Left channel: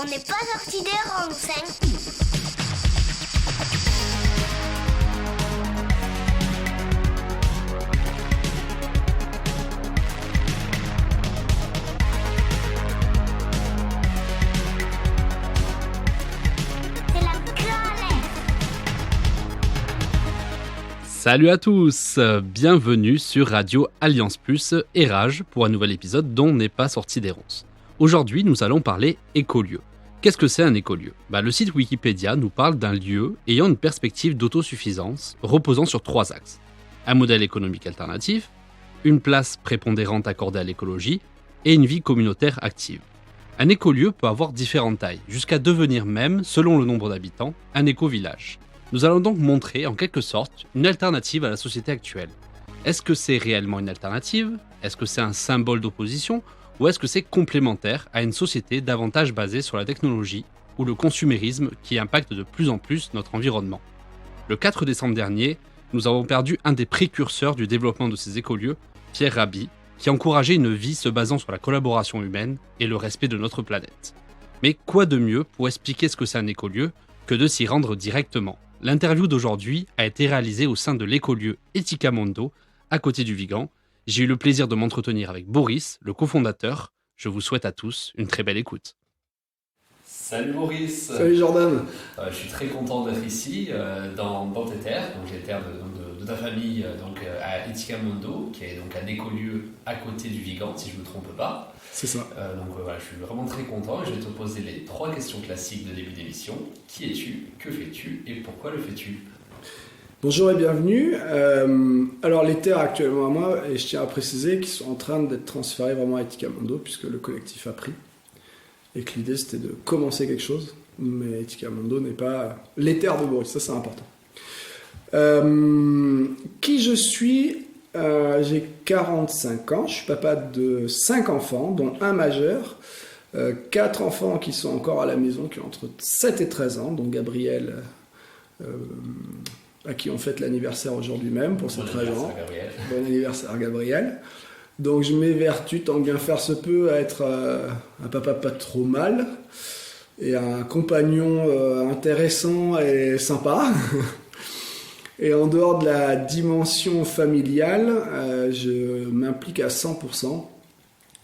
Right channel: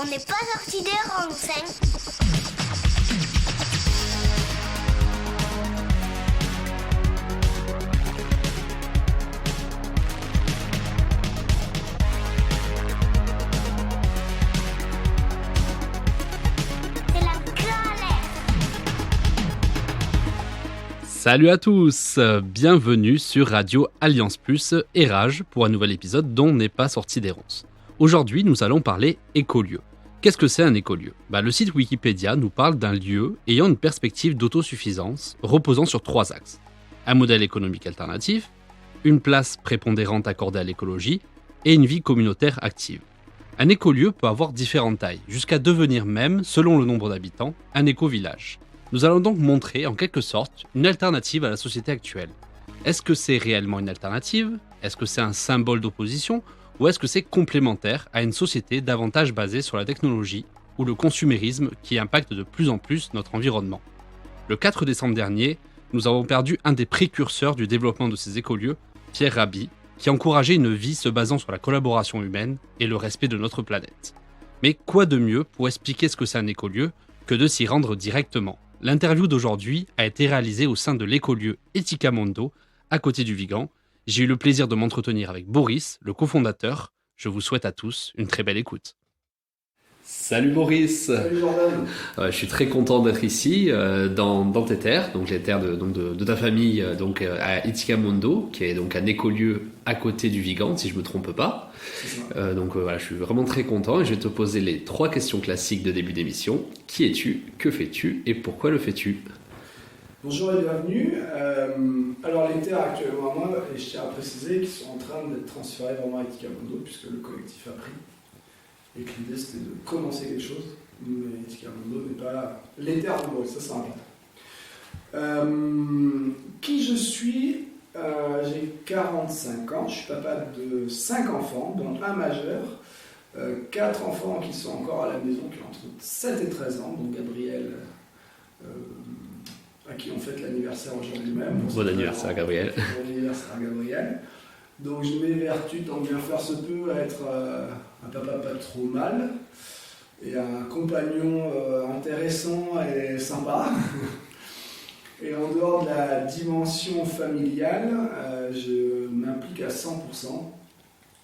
On n'est pas sorti des rangs, c'est la galère. Salut à tous, bienvenue sur Radio Alliance Plus et Rage pour un nouvel épisode dont n'est pas sorti des ronces. Aujourd'hui, nous allons parler écolieu. Qu'est-ce que c'est un écolieu ? Le site Wikipédia nous parle d'un lieu ayant une perspective d'autosuffisance reposant sur 3 axes. Un modèle économique alternatif, une place prépondérante accordée à l'écologie et une vie communautaire active. Un écolieu peut avoir différentes tailles, jusqu'à devenir même, selon le nombre d'habitants, un éco-village. Nous allons donc montrer, en quelque sorte, une alternative à la société actuelle. Est-ce que c'est réellement une alternative ? Est-ce que c'est un symbole d'opposition ? Ou est-ce que c'est complémentaire à une société davantage basée sur la technologie ou le consumérisme qui impacte de plus en plus notre environnement ? Le 4 décembre dernier, nous avons perdu un des précurseurs du développement de ces écolieux, Pierre Rabhi, qui encourageait une vie se basant sur la collaboration humaine et le respect de notre planète. Mais quoi de mieux pour expliquer ce que c'est un écolieu que de s'y rendre directement ? L'interview d'aujourd'hui a été réalisée au sein de l'écolieu Ethicamondo, à côté du Vigan. J'ai eu le plaisir de m'entretenir avec Boris, le cofondateur. Je vous souhaite à tous une très belle écoute. Salut Boris. Salut Jordan. Je suis très content d'être ici, dans tes terres, donc les terres de ta famille, à Ethicamondo, qui est donc un écolieu à côté du Vigan, si je ne me trompe pas. C'est ça. Voilà, je suis vraiment très content et je vais te poser les 3 questions classiques de début d'émission. Qui es-tu ? Que fais-tu ? Et pourquoi le fais-tu ? Bonjour et bienvenue. Alors les terres actuellement à moi, et je tiens à préciser qu'ils sont en train d'être transférés vraiment à Ethicamondo, puisque le collectif a pris. Et que l'idée c'était de commencer quelque chose, mais Ethicamondo n'est pas les terres de Boris, ça c'est important. Qui je suis ? J'ai 45 ans, je suis papa de 5 enfants, dont un majeur, 4 enfants qui sont encore à la maison, qui ont entre 7 et 13 ans, dont Gabriel, à qui on fête l'anniversaire aujourd'hui même. Pour Bon anniversaire Gabriel. Bon anniversaire Gabriel. Donc je m'évertue tant bien faire se peut à être un papa pas trop mal et un compagnon intéressant et sympa. Et en dehors de la dimension familiale, je m'implique à 100%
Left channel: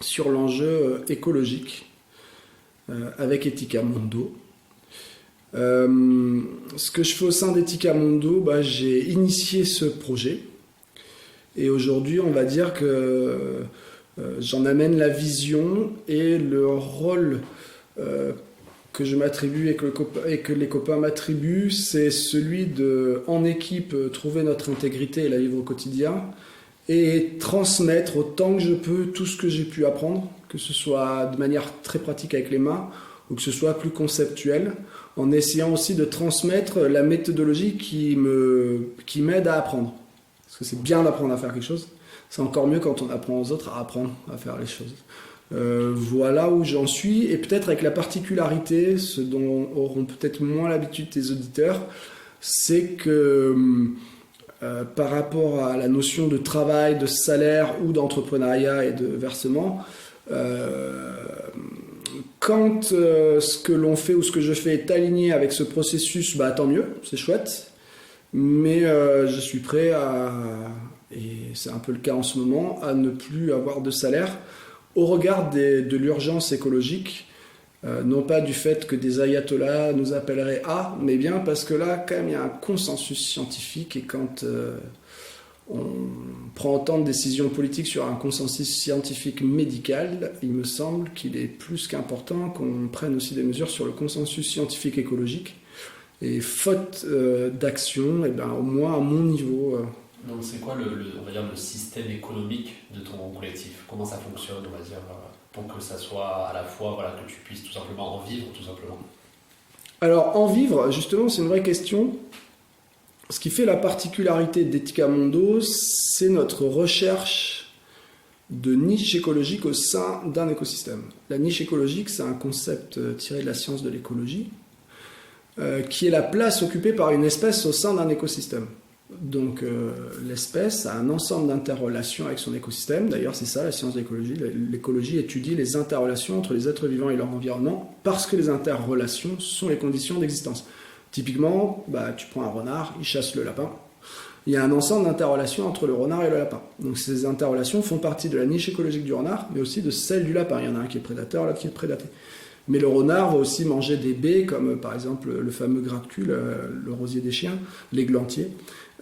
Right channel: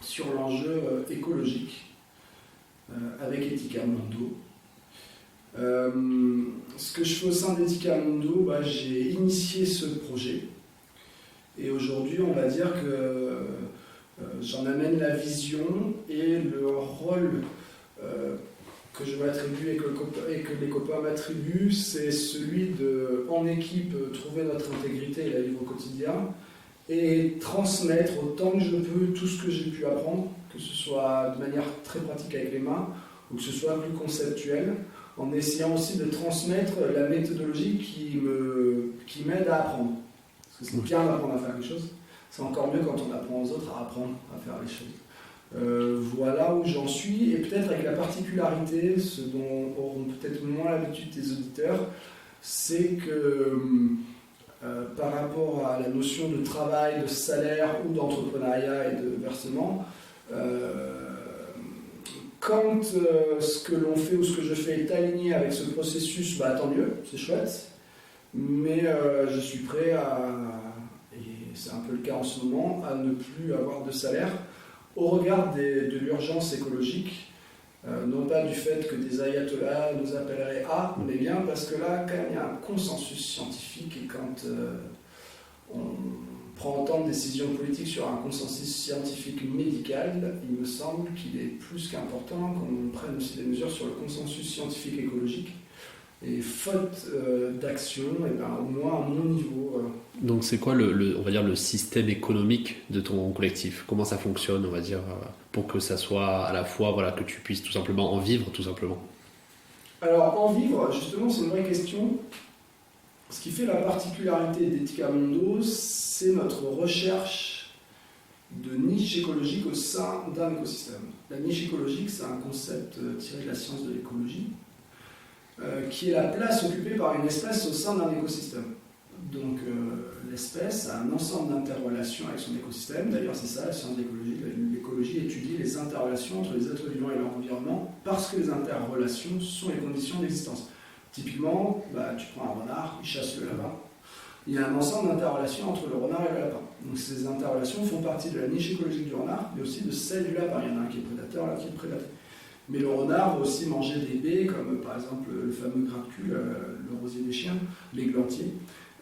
sur l'enjeu écologique avec Ethicamondo. Ce que je fais au sein d'Ethicamondo, j'ai initié ce projet. Et aujourd'hui, on va dire que j'en amène la vision et le rôle que je m'attribue et que les copains m'attribuent, c'est celui de, en équipe, trouver notre intégrité et la vivre au quotidien et transmettre autant que je peux tout ce que j'ai pu apprendre, que ce soit de manière très pratique avec les mains ou que ce soit plus conceptuel, en essayant aussi de transmettre la méthodologie qui m'aide à apprendre. Parce que c'est bien d'apprendre à faire quelque chose, c'est encore mieux quand on apprend aux autres à apprendre à faire les choses. Voilà où j'en suis, et peut-être avec la particularité, ce dont auront peut-être moins l'habitude tes auditeurs, c'est que par rapport à la notion de travail, de salaire ou d'entrepreneuriat et de versement, quand ce que l'on fait ou ce que je fais est aligné avec ce processus, tant mieux, c'est chouette. Mais je suis prêt et c'est un peu le cas en ce moment, à ne plus avoir de salaire au regard de l'urgence écologique, non pas du fait que des ayatollahs nous appelleraient à, mais bien parce que là, quand même, il y a un consensus scientifique, et quand on prend autant de décisions politiques sur un consensus scientifique médical, il me semble qu'il est plus qu'important qu'on prenne aussi des mesures sur le consensus scientifique écologique. Et faute d'action, au moins à mon niveau. Donc c'est quoi on va dire, le système économique de ton collectif ? Comment ça fonctionne, on va dire, pour que ça soit à la fois que tu puisses tout simplement en vivre, tout simplement ? Alors en vivre, justement, c'est une vraie question. Ce qui fait la particularité d'Ethicamondo, c'est notre recherche de niche écologique au sein d'un écosystème. La niche écologique, c'est un concept tiré de la science de l'écologie, qui est la place occupée par une espèce au sein d'un écosystème. Donc l'espèce a un ensemble d'interrelations avec son écosystème. D'ailleurs, c'est ça la science de l'écologie. L'écologie étudie les interrelations entre les êtres vivants et leur environnement parce que les interrelations sont les conditions d'existence. Typiquement, tu prends un renard, il chasse le lapin. Il y a un ensemble d'interrelations entre le renard et le lapin. Donc ces interrelations font partie de la niche écologique du renard, mais aussi de celle du lapin. Il y en a un qui est prédateur, l'autre qui est prédaté. Mais le renard va aussi manger des baies, comme par exemple le fameux gratte-cul, le rosier des chiens, l'églantier.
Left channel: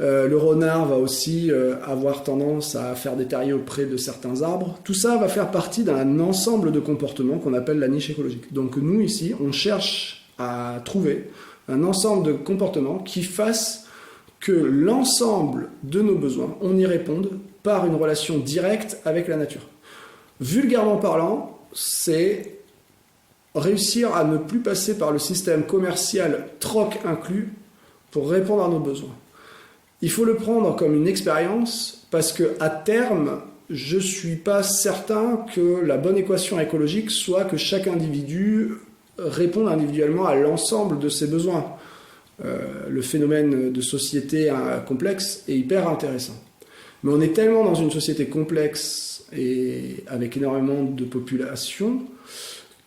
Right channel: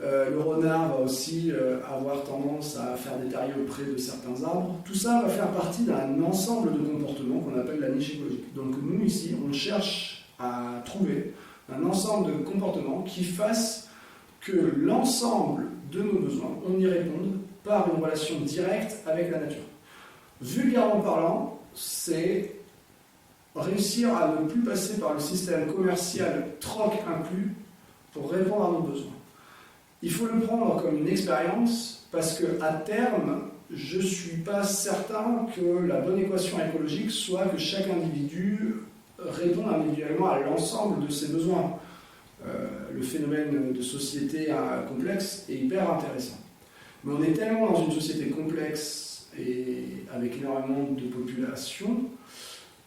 Le renard va aussi avoir tendance à faire des terriers auprès de certains arbres. Tout ça va faire partie d'un ensemble de comportements qu'on appelle la niche écologique. Donc nous, ici, on cherche à trouver un ensemble de comportements qui fassent que l'ensemble de nos besoins, on y réponde par une relation directe avec la nature. Vulgairement parlant, c'est réussir à ne plus passer par le système commercial troc inclus pour répondre à nos besoins. Il faut le prendre comme une expérience parce qu'à terme, je ne suis pas certain que la bonne équation écologique soit que chaque individu réponde individuellement à l'ensemble de ses besoins. Le phénomène de société complexe est hyper intéressant. Mais on est tellement dans une société complexe et avec énormément de population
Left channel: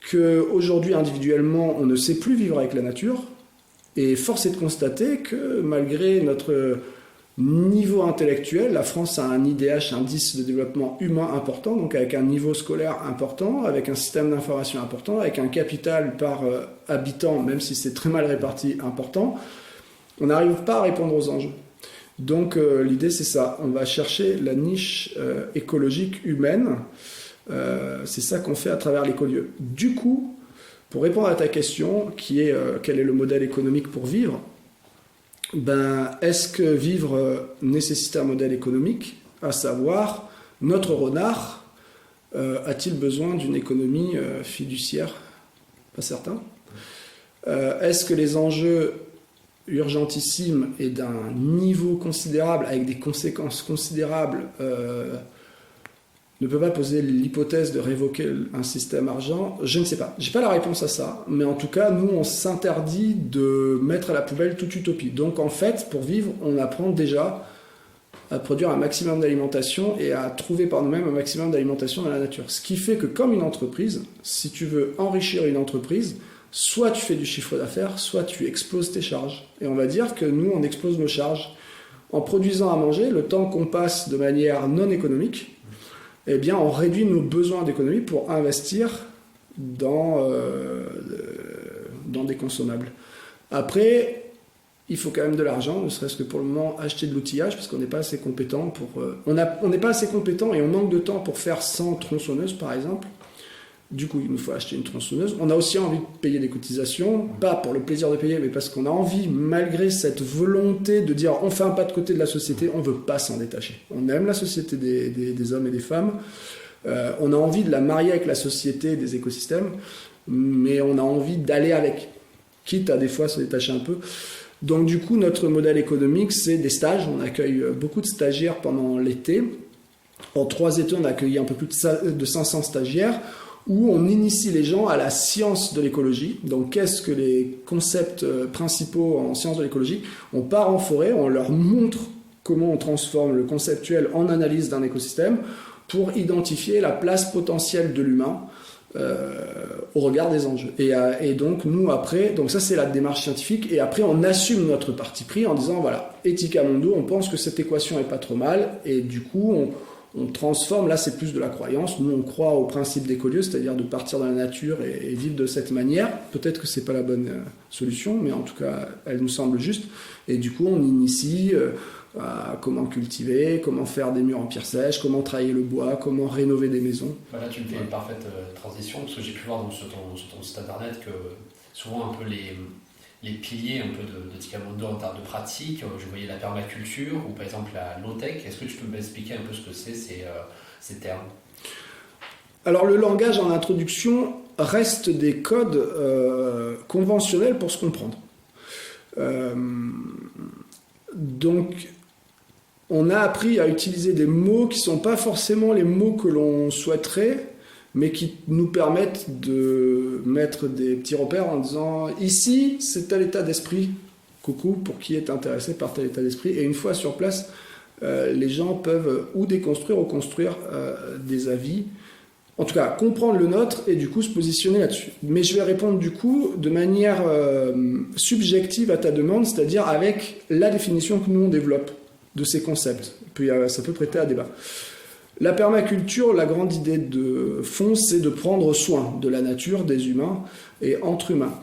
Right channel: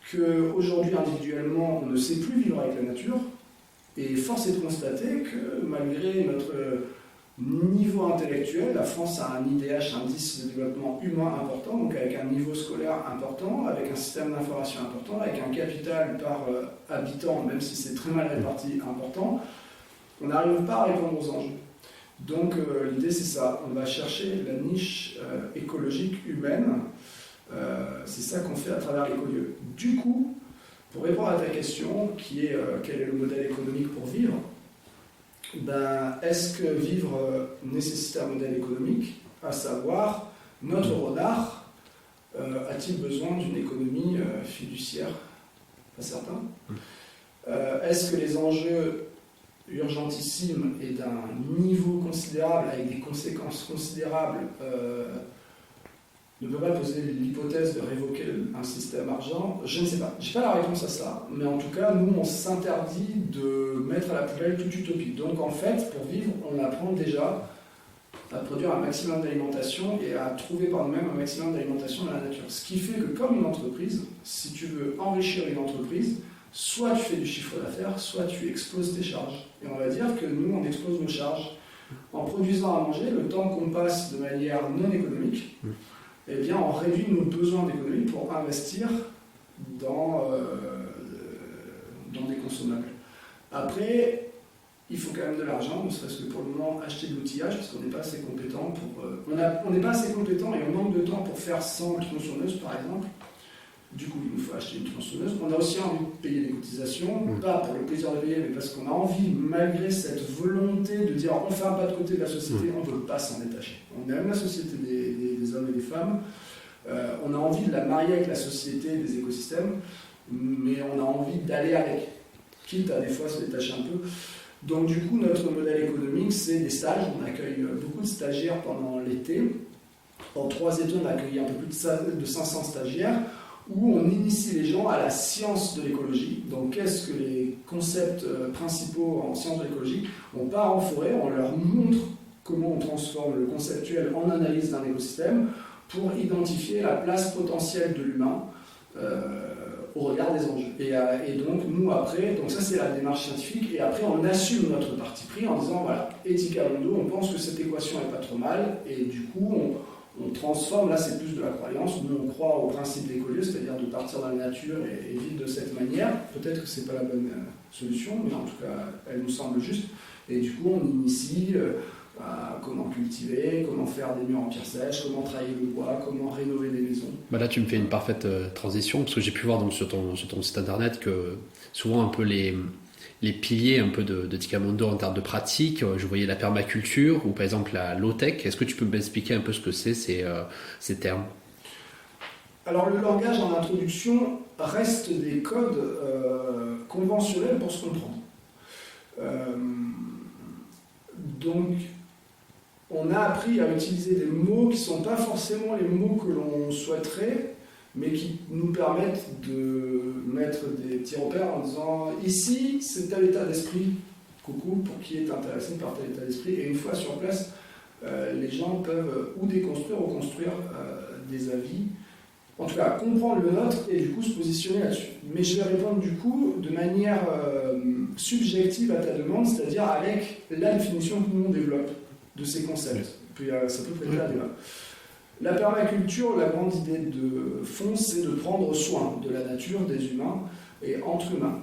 qu'aujourd'hui, individuellement, on ne sait plus vivre avec la nature. Et force est de constater que malgré notre niveau intellectuel, la France a un IDH, indice de développement humain important, donc avec un niveau scolaire important, avec un système d'information important, avec un capital par habitant, même si c'est très mal réparti, important, on n'arrive pas à répondre aux enjeux. Donc l'idée c'est ça, on va chercher la niche écologique humaine, c'est ça qu'on fait à travers l'écolieu. Du coup, pour répondre à ta question, qui est quel est le modèle économique pour vivre, est-ce que vivre nécessite un modèle économique, à savoir, notre renard a-t-il besoin d'une économie fiduciaire? Pas certain. Est-ce que les enjeux urgentissimes et d'un niveau considérable, avec des conséquences considérables, ne peut pas poser l'hypothèse de révoquer un système argent? Je ne sais pas. Je n'ai pas la réponse à ça. Mais en tout cas, nous, on s'interdit de mettre à la poubelle toute utopie. Donc, en fait, pour vivre, on apprend déjà à produire un maximum d'alimentation et à trouver par nous-mêmes un maximum d'alimentation dans la nature. Ce qui fait que, comme une entreprise, si tu veux enrichir une entreprise, soit tu fais du chiffre d'affaires, soit tu exploses tes charges. Et on va dire que nous, on explose nos charges. En produisant à manger, le temps qu'on passe de manière non économique, eh bien, on réduit nos besoins d'économie pour investir dans des consommables. Après, il faut quand même de l'argent, ne serait-ce que pour le moment acheter de l'outillage, parce qu'on n'est pas assez compétent pour... on n'est pas assez compétent et on manque de temps pour faire 100 tronçonneuses, par exemple. Du coup, il nous faut acheter une tronçonneuse. On a aussi envie de payer des cotisations, pas pour le plaisir de payer, mais parce qu'on a envie, malgré cette volonté de dire on fait un pas de côté de la société, on ne veut pas s'en détacher. On aime la société des hommes et des femmes, on a envie de la marier avec la société des écosystèmes, mais on a envie d'aller avec, quitte à des fois se détacher un peu. Donc du coup, notre modèle économique, c'est des stages. On accueille beaucoup de stagiaires pendant l'été. En 3 étés, on a accueilli un peu plus de 500 stagiaires, où on initie les gens à la science de l'écologie. Donc, qu'est-ce que les concepts principaux en sciences de l'écologie? On part en forêt, on leur montre comment on transforme le conceptuel en analyse d'un écosystème pour identifier la place potentielle de l'humain au regard des enjeux. Et donc, nous, après, donc ça, c'est la démarche scientifique, et après, on assume notre parti pris en disant, voilà, Ethica Mundo, on pense que cette équation est pas trop mal, et du coup, on transforme, là c'est plus de la croyance, nous on croit au principe d'écolieu, c'est-à-dire de partir de la nature et vivre de cette manière. Peut-être que c'est pas la bonne solution, mais en tout cas elle nous semble juste, et du coup on initie à comment cultiver, comment faire des murs en pierre sèche, comment travailler le bois, comment rénover des maisons. Là tu me fais une parfaite transition, parce que j'ai pu voir donc, sur ton site internet que souvent un peu les piliers un peu de Ethica Mundo en termes de pratique, je voyais la permaculture ou par exemple la low-tech. Est-ce que tu peux m'expliquer un peu ce que c'est ces termes? Alors le langage en introduction reste des codes conventionnels pour se comprendre. Donc on a appris à utiliser des mots qui ne sont pas forcément les mots que l'on souhaiterait, mais qui nous permettent de mettre des petits repères en disant ici c'est tel état d'esprit Coucou, pour qui est intéressé par tel état d'esprit. Et une fois sur place, les gens peuvent ou déconstruire ou construire des avis. En tout cas, comprendre le nôtre et du coup se positionner là-dessus. Mais je vais répondre du coup de manière subjective à ta demande, c'est-à-dire avec la définition que nous on développe de ces concepts. Puis ça peut prêter à débat. La permaculture, la grande idée de fond, c'est de prendre soin de la nature, des humains et entre humains.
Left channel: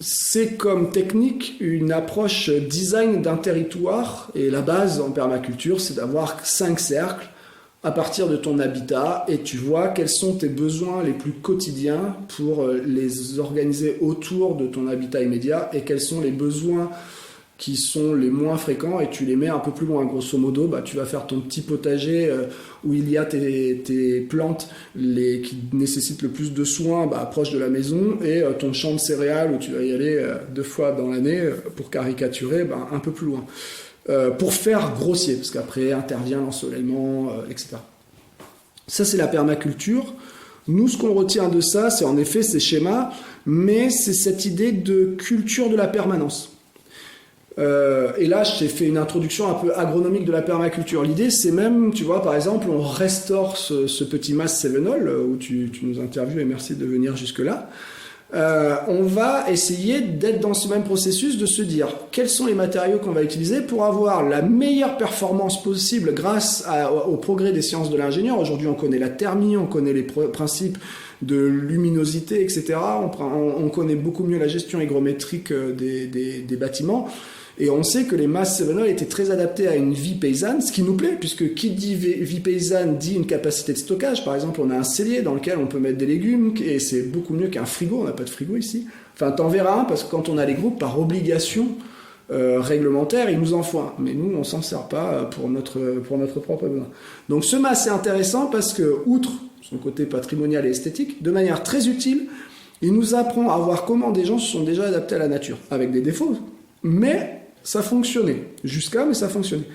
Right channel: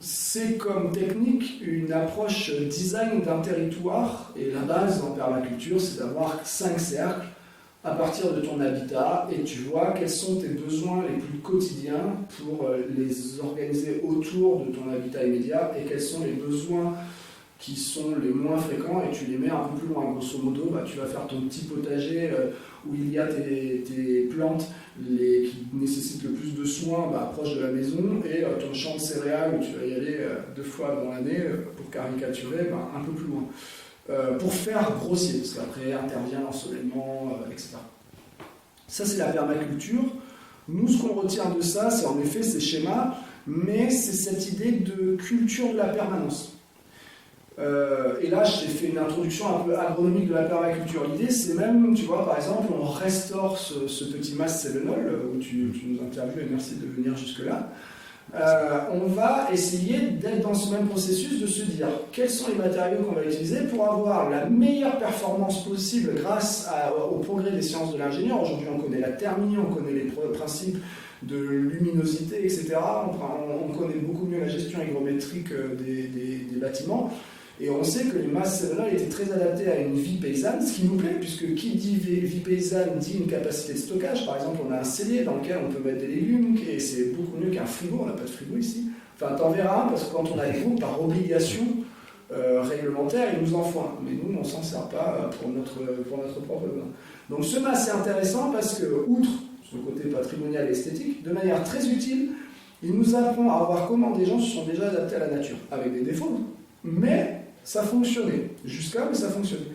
C'est comme technique une approche design d'un territoire, et la base en permaculture, c'est d'avoir 5 cercles à partir de ton habitat, et tu vois quels sont tes besoins les plus quotidiens pour les organiser autour de ton habitat immédiat, et quels sont les besoins qui sont les moins fréquents, et tu les mets un peu plus loin. Grosso modo, tu vas faire ton petit potager où il y a tes plantes qui nécessitent le plus de soins proche de la maison, et ton champ de céréales où tu vas y aller 2 fois dans l'année, pour caricaturer, un peu plus loin. Pour faire grossier, parce qu'après intervient l'ensoleillement, etc. Ça, c'est la permaculture. Nous, ce qu'on retient de ça, c'est en effet ces schémas, mais c'est cette idée de culture de la permanence. Et là, je t'ai fait une introduction un peu agronomique de la permaculture. L'idée, c'est même, tu vois, par exemple, on restaure ce petit mas sélénol, où tu nous interviews, et merci de venir jusque-là. On va essayer d'être dans ce même processus, de se dire quels sont les matériaux qu'on va utiliser pour avoir la meilleure performance possible grâce au progrès des sciences de l'ingénieur. Aujourd'hui, on connaît la thermie, on connaît les principes de luminosité, etc. On connaît beaucoup mieux la gestion hygrométrique des bâtiments. Et on sait que les masses sélénales étaient très adaptées à une vie paysanne, ce qui nous plaît, puisque qui dit vie paysanne dit une capacité de stockage. Par exemple, on a un cellier dans lequel on peut mettre des légumes, et c'est beaucoup mieux qu'un frigo. On n'a pas de frigo ici. Enfin, t'en verras un, parce que quand on a les groupes, par obligation réglementaire, ils nous en font un. Mais nous, on s'en sert pas pour notre propre besoin. Donc ce mas, c'est intéressant parce que, outre son côté patrimonial et esthétique, de manière très utile, il nous apprend à voir comment des gens se sont déjà adaptés à la nature, avec des défauts, mais ça fonctionnait. Mais ça fonctionnait.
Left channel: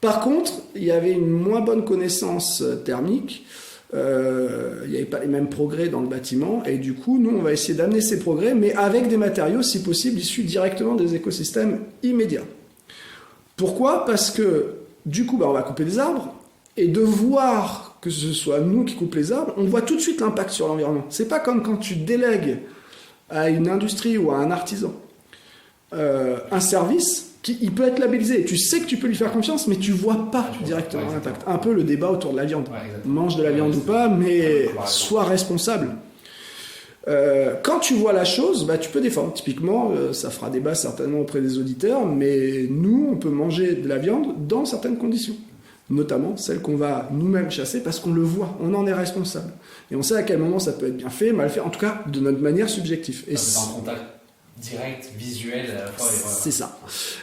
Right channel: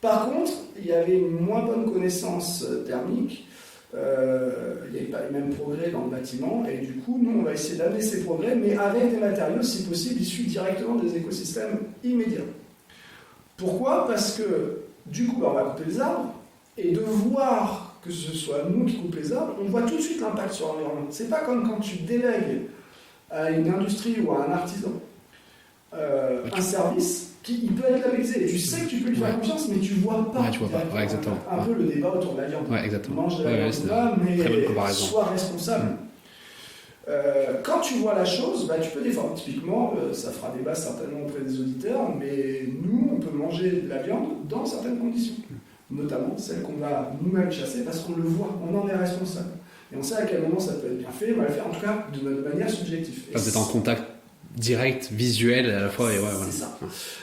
Par contre, il y avait une moins bonne connaissance thermique, il n'y avait pas les mêmes progrès dans le bâtiment, et du coup, nous, on va essayer d'amener ces progrès, mais avec des matériaux, si possible, issus directement des écosystèmes immédiats. Pourquoi ? Parce que, du coup, on va couper des arbres, et de voir que ce soit nous qui coupons les arbres, on voit tout de suite l'impact sur l'environnement. C'est pas comme quand tu délègues à une industrie ou à un artisan un service il peut être labellisé. Tu sais que tu peux lui faire confiance, mais tu vois pas directement l'impact. Un peu le débat autour de la viande. Mange de la viande ou pas, mais sois responsable. Quand tu vois la chose, tu peux défendre. Typiquement, ça fera débat certainement auprès des auditeurs, mais nous, on peut manger de la viande dans certaines conditions. Notamment celles qu'on va nous-mêmes chasser parce qu'on le voit, on en est responsable. Et on sait à quel moment ça peut être bien fait, mal fait, en tout cas de notre manière subjective. Et c'est en contact direct, visuel à la fois. C'est ça.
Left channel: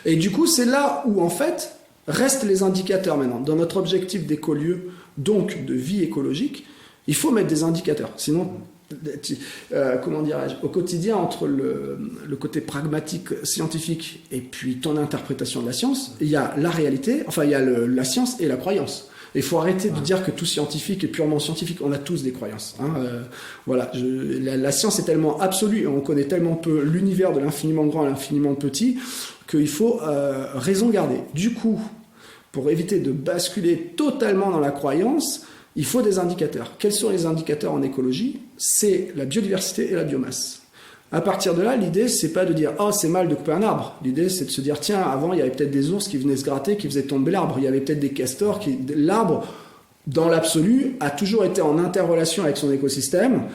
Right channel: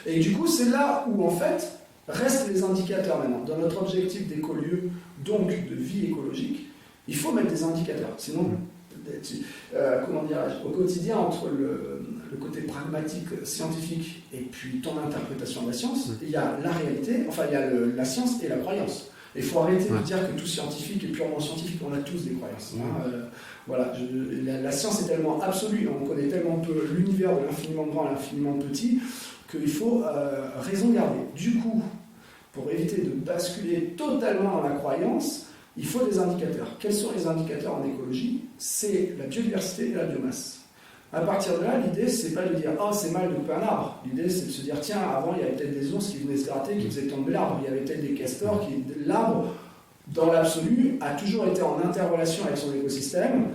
Et du coup, c'est là où en fait restent les indicateurs maintenant. Dans notre objectif d'écolieu, donc de vie écologique, il faut mettre des indicateurs. Sinon, comment dirais-je, au quotidien, entre le côté pragmatique, scientifique, et puis ton interprétation de la science, il y a la réalité, enfin il y a la science et la croyance. Il faut arrêter de dire que tout scientifique est purement scientifique. On a tous des croyances. Voilà, la science est tellement absolue, on connaît tellement peu l'univers de l'infiniment grand à l'infiniment petit, qu'il faut raison garder. Du coup, pour éviter de basculer totalement dans la croyance, il faut des indicateurs. Quels sont les indicateurs en écologie ? C'est la biodiversité et la biomasse. À partir de là, l'idée, c'est pas de dire « Oh, c'est mal de couper un arbre ». L'idée, c'est de se dire « Tiens, avant, il y avait peut-être des ours qui venaient se gratter, qui faisaient tomber l'arbre. Il y avait peut-être des castors qui... » L'arbre, dans l'absolu, a toujours été en interrelation avec son écosystème.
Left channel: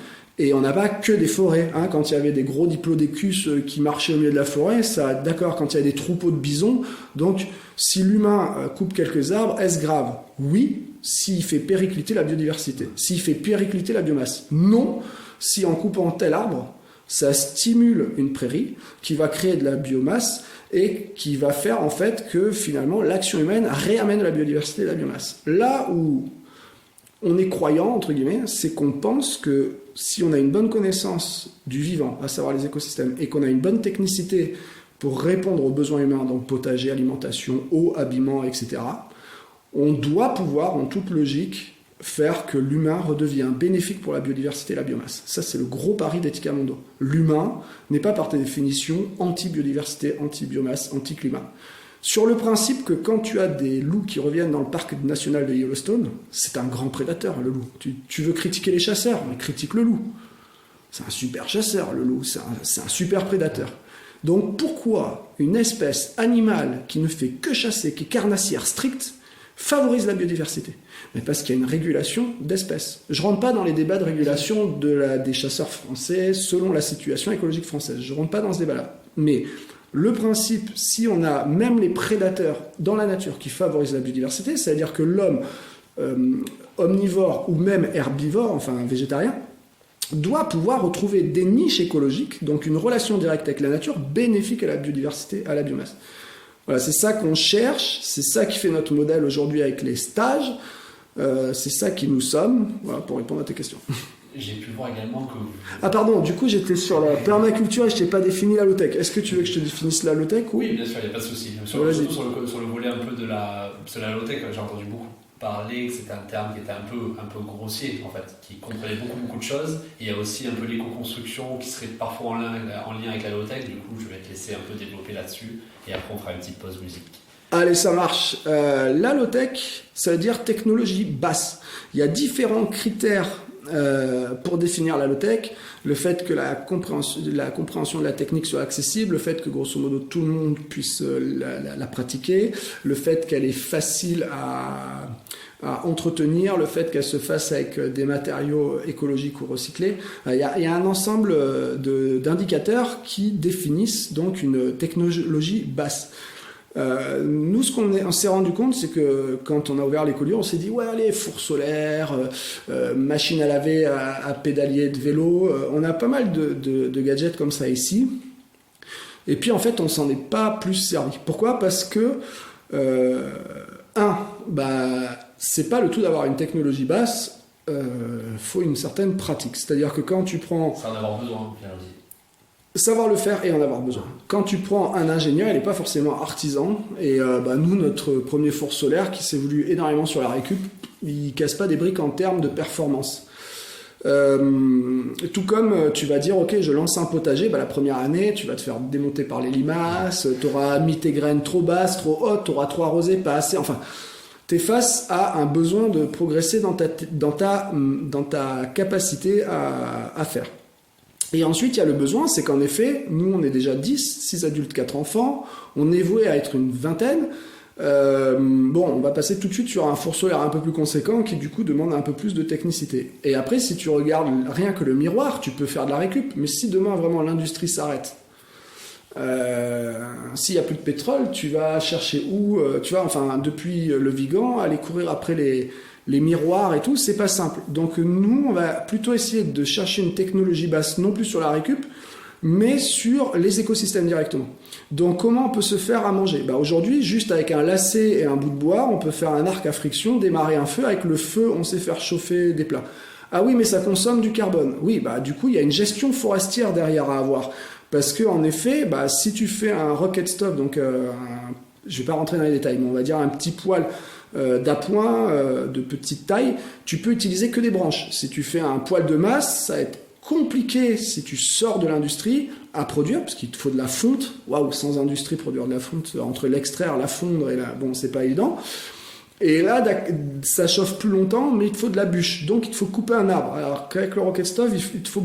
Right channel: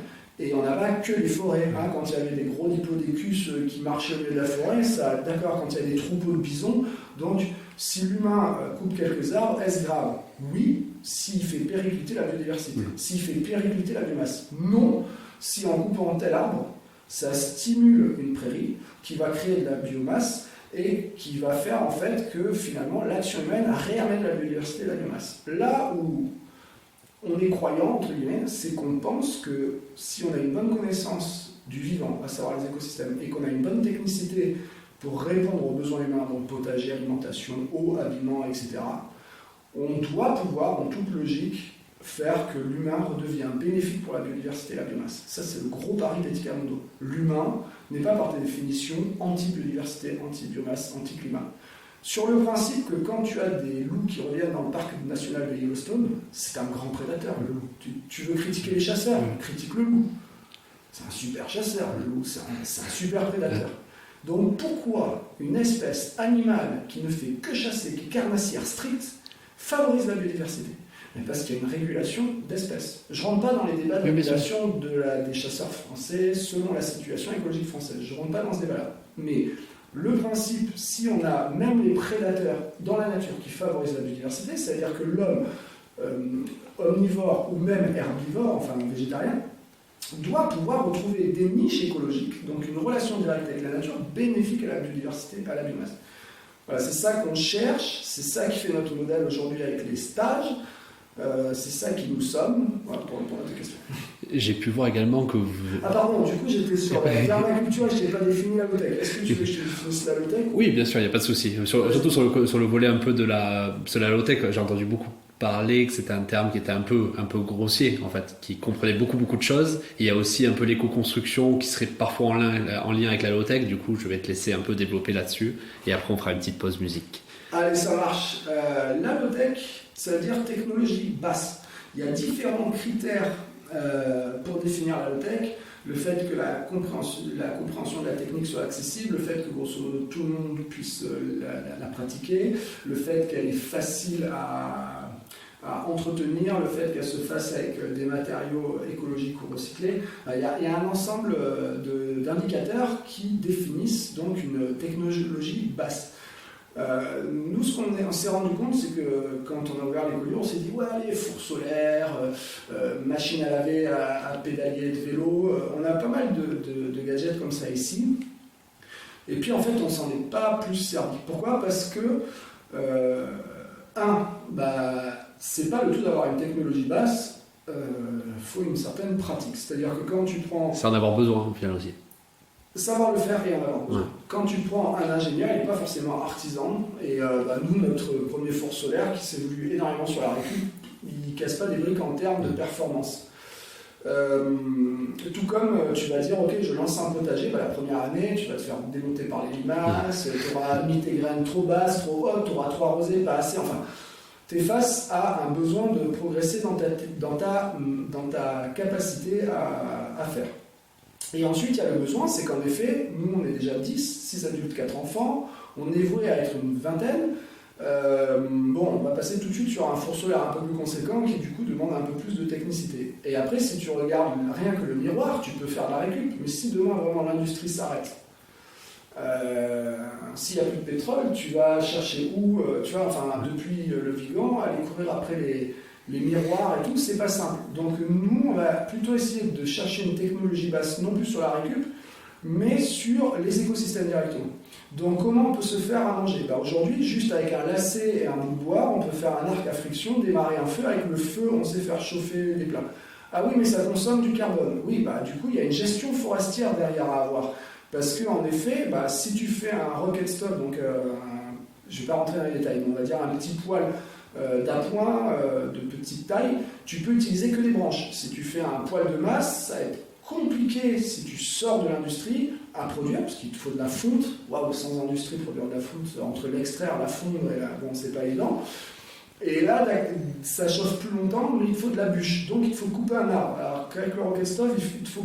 Et on n'a pas que des forêts. Quand il y avait des gros diplodocus qui marchaient au milieu de la forêt, ça, d'accord, quand il y a des troupeaux de bisons. Donc, si l'humain coupe quelques arbres, est-ce grave ? Oui, s'il fait péricliter la biodiversité. S'il fait péricliter la biomasse. Non, si en coupant tel arbre, ça stimule une prairie qui va créer de la biomasse et qui va faire en fait que finalement l'action humaine réamène la biodiversité et la biomasse. Là où on est croyant, entre guillemets, c'est qu'on pense que si on a une bonne connaissance du vivant, à savoir les écosystèmes, et qu'on a une bonne technicité pour répondre aux besoins humains, donc potager, alimentation, eau, habillement, etc., on doit pouvoir, en toute logique, faire que l'humain redevient bénéfique pour la biodiversité et la biomasse. Ça, c'est le gros pari d'Etica Mondo. L'humain n'est pas par définition anti-biodiversité, anti-biomasse, anti-climat. Sur le principe que quand tu as des loups qui reviennent dans le parc national de Yellowstone, c'est un grand prédateur, le loup. Tu veux critiquer les chasseurs, mais critique le loup. C'est un super chasseur, le loup, c'est un super prédateur. Donc pourquoi une espèce animale qui ne fait que chasser, qui est carnassière stricte, favorise la biodiversité? Mais parce qu'il y a une régulation d'espèces. Je ne rentre pas dans les débats de régulation des chasseurs français selon la situation écologique française. Je ne rentre pas dans ce débat-là. Mais le principe, si on a même les prédateurs dans la nature qui favorisent la biodiversité, c'est-à-dire que l'homme omnivore ou même herbivore, enfin végétarien, doit pouvoir retrouver des niches écologiques, donc une relation directe avec la nature bénéfique à la biodiversité, à la biomasse. Voilà, c'est ça qu'on cherche, c'est ça qui fait notre modèle aujourd'hui avec les stages, c'est ça qui nous sommes, voilà, pour répondre à tes questions. J'ai pu voir également que vous... Ah pardon, du coup j'étais sur la permaculture et je t'ai pas défini la low-tech. Est-ce que tu veux que je te définisse la low-tech ou... Oui, bien sûr, il n'y a pas de souci. Surtout sur le volet un peu de la low-tech, j'ai entendu beaucoup parler que c'était un terme qui était un peu grossier, en fait, qui comprenait beaucoup de choses. Et il y a aussi un peu l'éco-construction qui serait parfois en lien avec la low-tech. Du coup, je vais te laisser un peu développer là-dessus et après on fera une petite pause musique. Allez, ça marche. La low-tech, ça veut dire technologie basse. Il y a différents critères pour définir la low-tech. Le fait que la compréhension de la technique soit accessible, le fait que grosso modo tout le monde puisse la pratiquer, le fait qu'elle est facile à entretenir, le fait qu'elle se fasse avec des matériaux écologiques ou recyclés. Il y a un ensemble d'indicateurs qui définissent donc une technologie basse. Nous, ce qu'on s'est rendu compte, c'est que quand on a ouvert l'écolieu, on s'est dit ouais, allez, four solaire, machine à laver, à pédalier de vélo, on a pas mal de gadgets comme ça ici. Et puis en fait, on s'en est pas plus servi. Pourquoi ? Parce que c'est pas le tout d'avoir une technologie basse, faut une certaine pratique. C'est-à-dire que quand tu prends... C'est en avoir besoin, au final aussi. Savoir le faire et en avoir besoin. Quand tu prends un ingénieur, il n'est pas forcément artisan. Et nous, notre premier four solaire qui s'est voulu énormément sur la récup, il ne casse pas des briques en termes de performance. Tout comme tu vas dire, ok, je lance un potager, la première année, tu vas te faire démonter par les limaces, tu auras mis tes graines trop basses, trop hautes, tu auras trop arrosé, pas assez. Enfin, tu es face à un besoin de progresser dans ta capacité à faire. Et ensuite, il y a le besoin, c'est qu'en effet, nous, on est déjà 6 adultes, 4 enfants, on est voué à être une vingtaine. On va passer tout de suite sur un four solaire un peu plus conséquent qui, du coup, demande un peu plus de technicité. Et après, si tu regardes rien que le miroir, tu peux faire de la récup. Mais si demain, vraiment, l'industrie s'arrête, s'il n'y a plus de pétrole, tu vas chercher où depuis le Vigan, aller courir après les miroirs et tout, c'est pas simple. Donc nous, on va plutôt essayer de chercher une technologie basse, non plus sur la récup, mais sur les écosystèmes directement. Donc comment on peut se faire à manger ? Aujourd'hui, juste avec un lacet et un bout de bois, on peut faire un arc à friction, démarrer un feu. Avec le feu, on sait faire chauffer des plats. Ah oui, mais ça consomme du carbone. Oui, du coup, il y a une gestion forestière derrière à avoir. Parce que en effet, si tu fais un rocket stove, donc je vais pas rentrer dans les détails, mais on va dire un petit poêle d'appoint de petite taille, tu peux utiliser que des branches. Si tu fais un poêle de masse, ça va être compliqué si tu sors de l'industrie à produire, parce qu'il te faut de la fonte. Waouh, sans industrie, produire de la fonte, entre l'extraire, la fondre, et c'est pas évident. Et là, ça chauffe plus longtemps, mais il te faut de la bûche. Donc, il te faut couper un arbre. Alors qu'avec le rocket stove, il te faut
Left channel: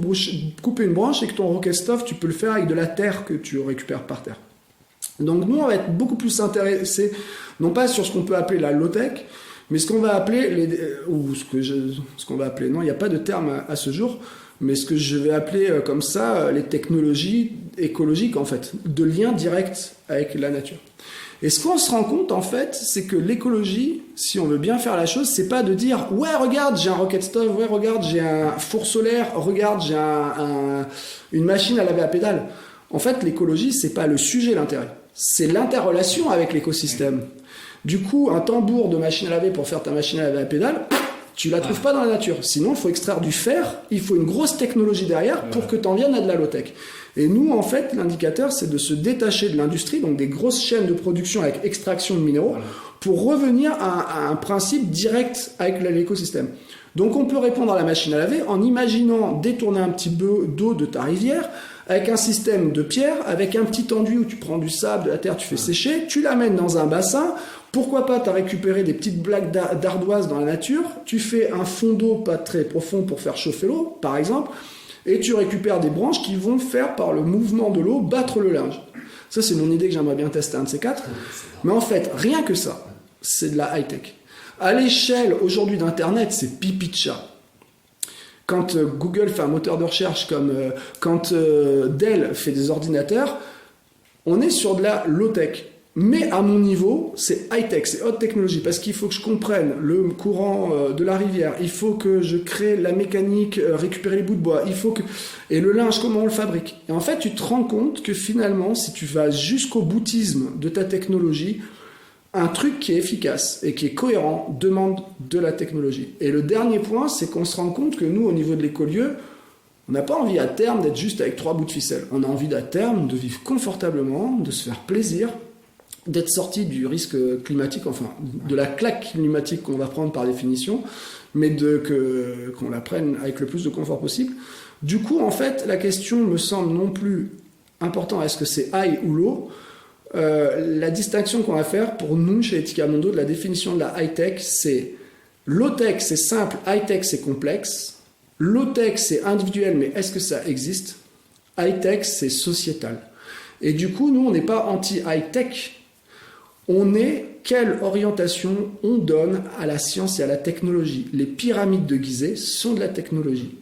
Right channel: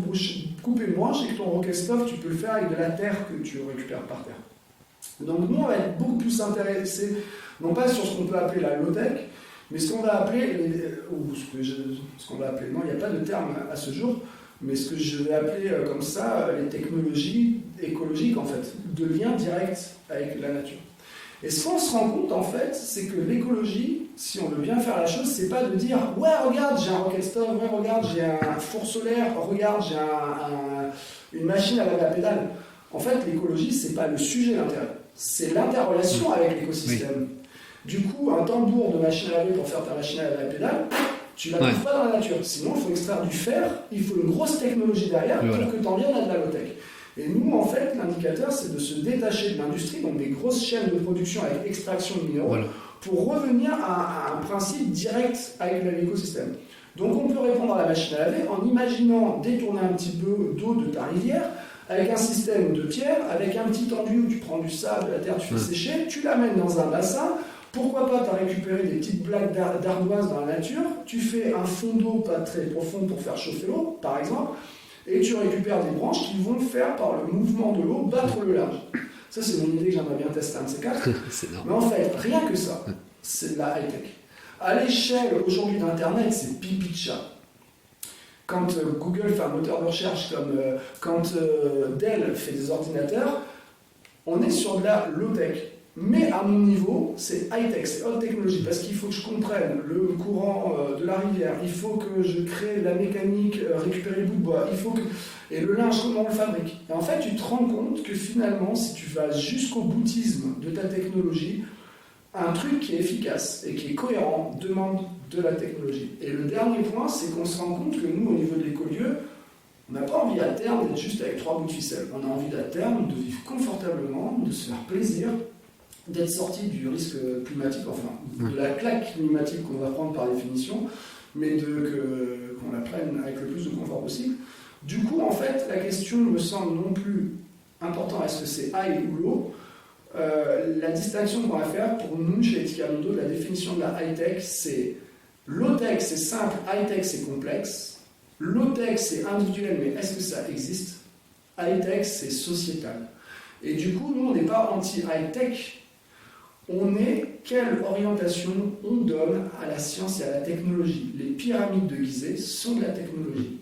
couper une branche, et que ton rocket stove, tu peux le faire avec de la terre que tu récupères par terre. Donc, nous, on va être beaucoup plus intéressés, non pas sur ce qu'on peut appeler la low-tech, mais ce qu'on va appeler, ce qu'on va appeler, non, il n'y a pas de terme à ce jour, mais ce que je vais appeler comme ça, les technologies écologiques, en fait, de lien direct avec la nature. Et ce qu'on se rend compte, en fait, c'est que l'écologie, si on veut bien faire la chose, c'est pas de dire « Ouais, regarde, j'ai un rocket stove, ouais, regarde, j'ai un four solaire, regarde, j'ai une machine à laver à pédale ». En fait, l'écologie, c'est pas le sujet, l'intérêt. C'est l'interrelation avec l'écosystème. Oui. Du coup, un tambour de machine à laver pour faire ta machine à laver à pédale, tu la trouves pas dans la nature. Sinon, il faut extraire du fer, il faut une grosse technologie derrière pour que tu en viennes à de la low-tech. Et nous, en fait, l'indicateur, c'est de se détacher de l'industrie, donc des grosses chaînes de production avec extraction de minéraux, pour revenir à un principe direct avec l'écosystème. Donc on peut répondre à la machine à laver en imaginant détourner un petit peu d'eau de ta rivière avec un système de pierre, avec un petit enduit où tu prends du sable, de la terre, tu fais sécher, tu l'amènes dans un bassin. Pourquoi pas, tu as récupéré des petites blagues d'ardoise dans la nature, tu fais un fond d'eau pas très profond pour faire chauffer l'eau, par exemple, et tu récupères des branches qui vont faire, par le mouvement de l'eau, battre le linge. Ça, c'est mon idée que j'aimerais bien tester un de ces quatre. Mais en fait, rien que ça, c'est de la high-tech. À l'échelle, aujourd'hui, d'Internet, c'est pipi de chat. Quand Google fait un moteur de recherche, quand Dell fait des ordinateurs, on est sur de la low-tech. Mais à mon niveau, c'est high-tech, c'est haute technologie, parce qu'il faut que je comprenne le courant de la rivière, il faut que je crée la mécanique, récupérer les bouts de bois, et le linge, comment on le fabrique. Et en fait, tu te rends compte que finalement, si tu vas jusqu'au boutisme de ta technologie, un truc qui est efficace et qui est cohérent demande de la technologie. Et le dernier point, c'est qu'on se rend compte que nous, au niveau de l'écolieu, on n'a pas envie à terme d'être juste avec 3 bouts de ficelle. On a envie à terme de vivre confortablement, de se faire plaisir, d'être sorti du risque climatique, enfin de la claque climatique qu'on va prendre par définition, mais qu'on la prenne avec le plus de confort possible. Du coup, en fait, la question me semble non plus importante, est-ce que c'est high ou low. La distinction qu'on va faire pour nous chez Etika Mondo de la définition de la high-tech, c'est low-tech, c'est simple, high-tech, c'est complexe. Low-tech, c'est individuel, mais est-ce que ça existe? High-tech, c'est sociétal. Et du coup, nous, on n'est pas anti-high-tech. On est quelle orientation on donne à la science et à la technologie. Les pyramides de Gizeh sont de la technologie.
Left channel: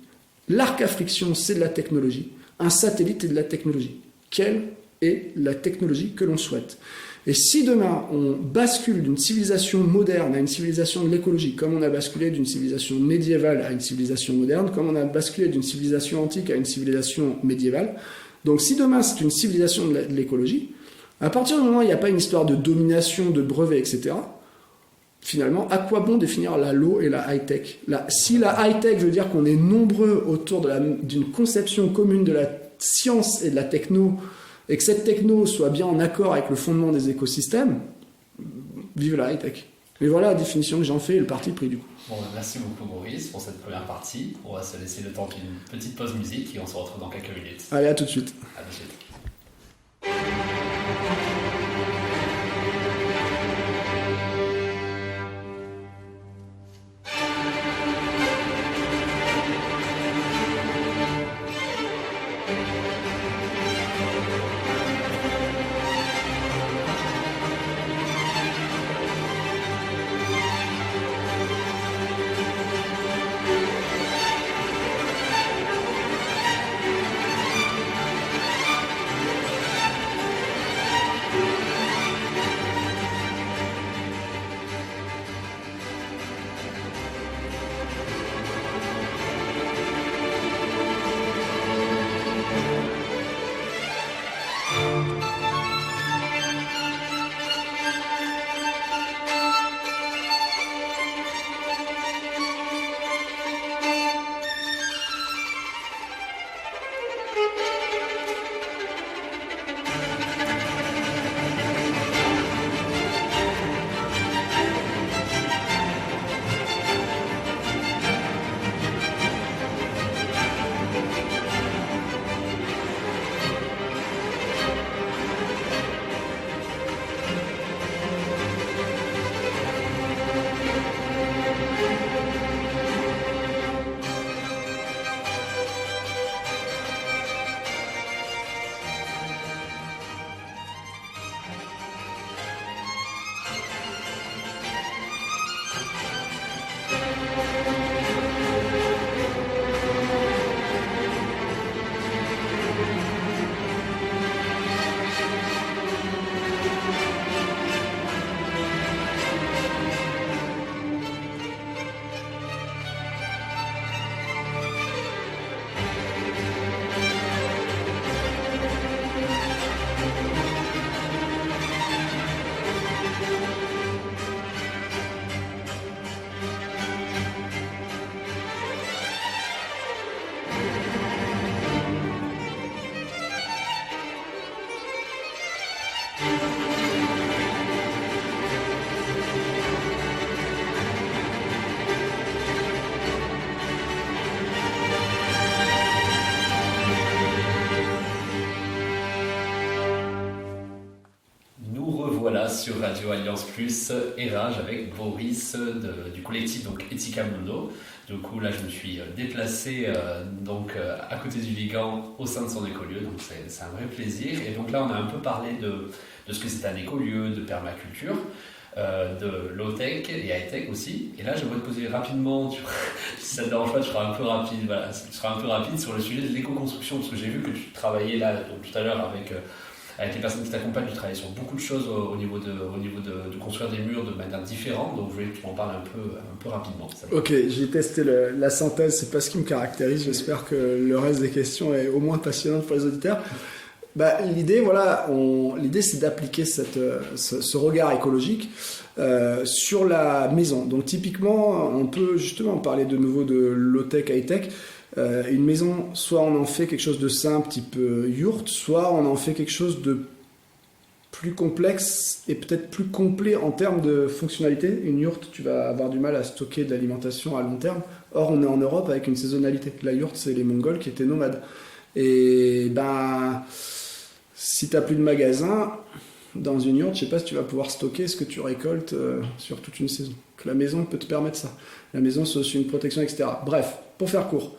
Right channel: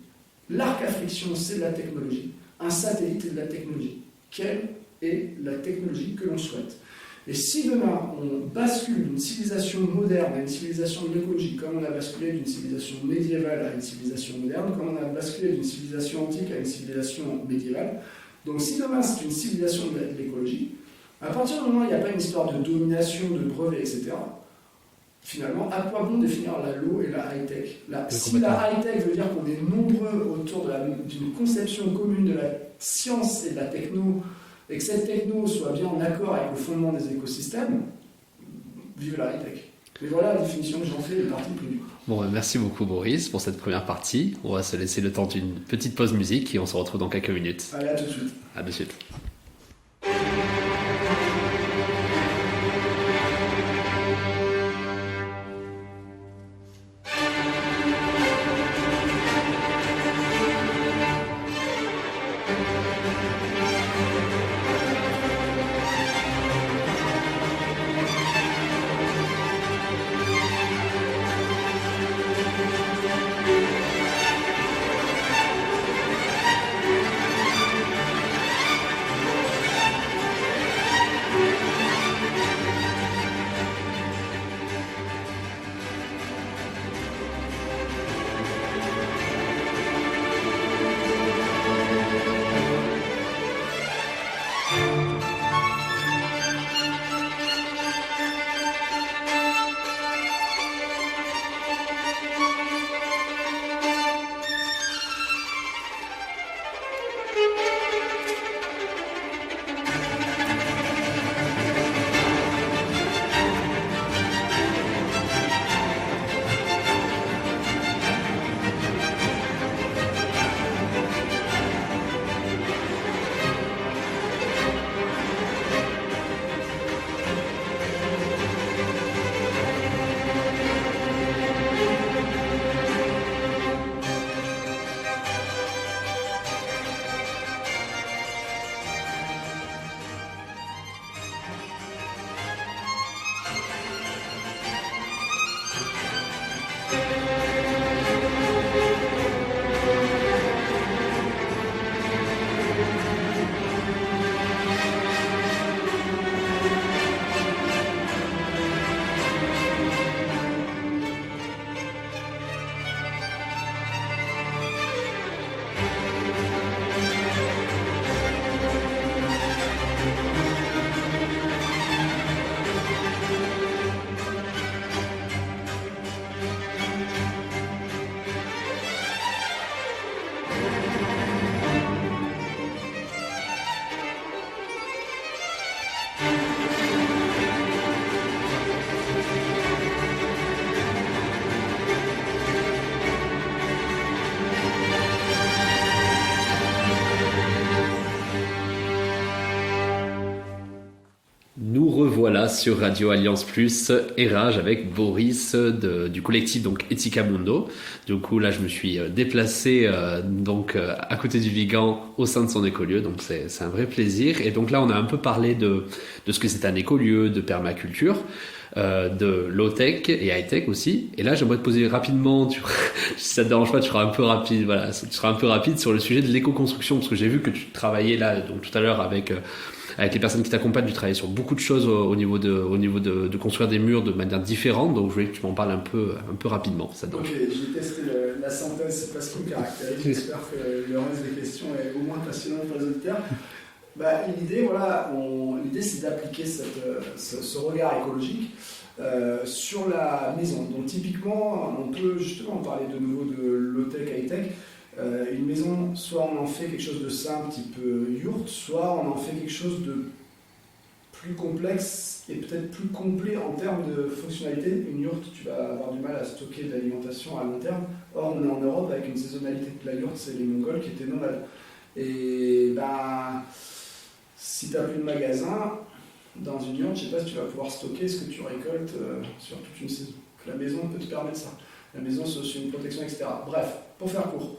L'arc à friction, c'est de la technologie. Un satellite est de la technologie. Quelle est la technologie que l'on souhaite? Et si demain, on bascule d'une civilisation moderne à une civilisation de l'écologie, comme on a basculé d'une civilisation médiévale à une civilisation moderne, comme on a basculé d'une civilisation antique à une civilisation médiévale, donc si demain c'est une civilisation de l'écologie, à partir du moment où il n'y a pas une histoire de domination, de brevets, etc., finalement, à quoi bon définir la low et la high-tech? Si la high-tech veut dire qu'on est nombreux autour d'une conception commune de la science et de la techno, et que cette techno soit bien en accord avec le fondement des écosystèmes, vive la high-tech. Mais voilà la définition que j'en fais et le parti pris du coup. Bon, merci beaucoup Boris pour cette première partie. On va se laisser le temps d'une petite pause musique et on se retrouve dans quelques minutes. Allez, à tout de suite. À tout de suite. sur Radio Alliance Plus et Rage avec Boris du collectif donc Etica Mundo. Du coup là je me suis déplacé à côté du Vigan au sein de son écolieu, donc c'est un vrai plaisir. Et donc là on a un peu parlé de ce que c'est un écolieu, de permaculture, de low-tech et high-tech aussi. Et là j'aimerais te poser rapidement, si ça te dérange pas, tu seras un peu rapide, voilà, tu seras un peu rapide sur le sujet de l'éco-construction, parce que j'ai vu que tu travaillais là donc tout à l'heure avec les personnes qui t'accompagnent, tu travailles sur beaucoup de choses au niveau de construire des murs de manière différente, donc je voulais que tu m'en parles un peu rapidement. Ça. Ok, j'ai testé la synthèse, c'est pas ce qui me caractérise, j'espère que le reste des questions est au moins passionnant pour les auditeurs. L'idée, l'idée c'est d'appliquer ce regard écologique sur la maison. Donc typiquement, on peut justement parler de nouveau de low-tech, high-tech. Une maison, soit on en fait quelque chose de simple, type yourte, soit on en fait quelque chose de plus complexe et peut-être plus complet en termes de fonctionnalité. Une yourte, tu vas avoir du mal à stocker de l'alimentation à long terme. Or, on est en Europe avec une saisonnalité. La yourte, c'est les Mongols qui étaient nomades. Et si tu n'as plus de magasin, dans une yourte, je ne sais pas si tu vas pouvoir stocker ce que tu récoltes sur toute une saison. La maison peut te permettre ça. La maison, c'est aussi une protection, etc. Bref, pour faire court.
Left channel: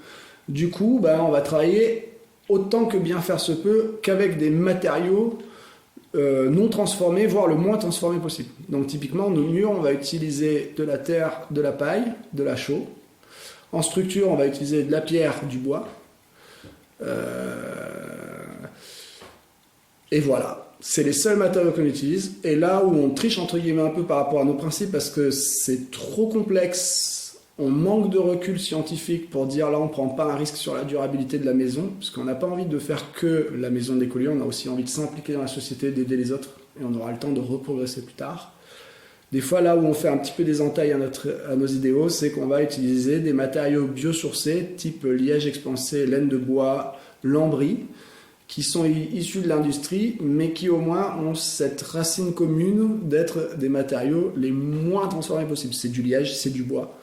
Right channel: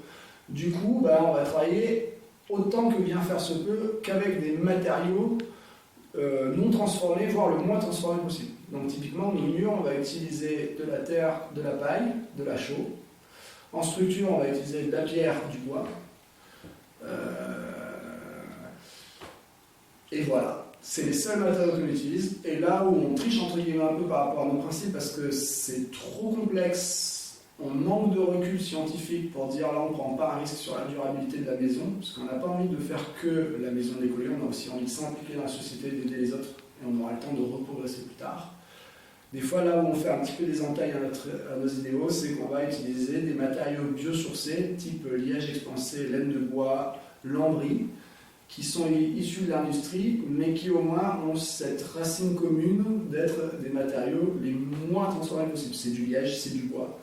Du coup, on va travailler autant que bien faire se peut qu'avec des matériaux non transformés, voire le moins transformés possible. Donc typiquement, nos murs, on va utiliser de la terre, de la paille, de la chaux. En structure, on va utiliser de la pierre, du bois. Et voilà, c'est les seuls matériaux qu'on utilise. Et là où on triche entre guillemets un peu par rapport à nos principes, parce que c'est trop complexe, on manque de recul scientifique pour dire là on ne prend pas un risque sur la durabilité de la maison, parce qu'on n'a pas envie de faire que la maison de l'écolier, on a aussi envie de s'impliquer dans la société, d'aider les autres, et on aura le temps de reprogresser plus tard. Des fois, là où on fait un petit peu des entailles à nos idéaux, c'est qu'on va utiliser des matériaux biosourcés, type liège expansé, laine de bois, lambris, qui sont issus de l'industrie, mais qui au moins ont cette racine commune d'être des matériaux les moins transformés possibles. C'est du liège, c'est du bois.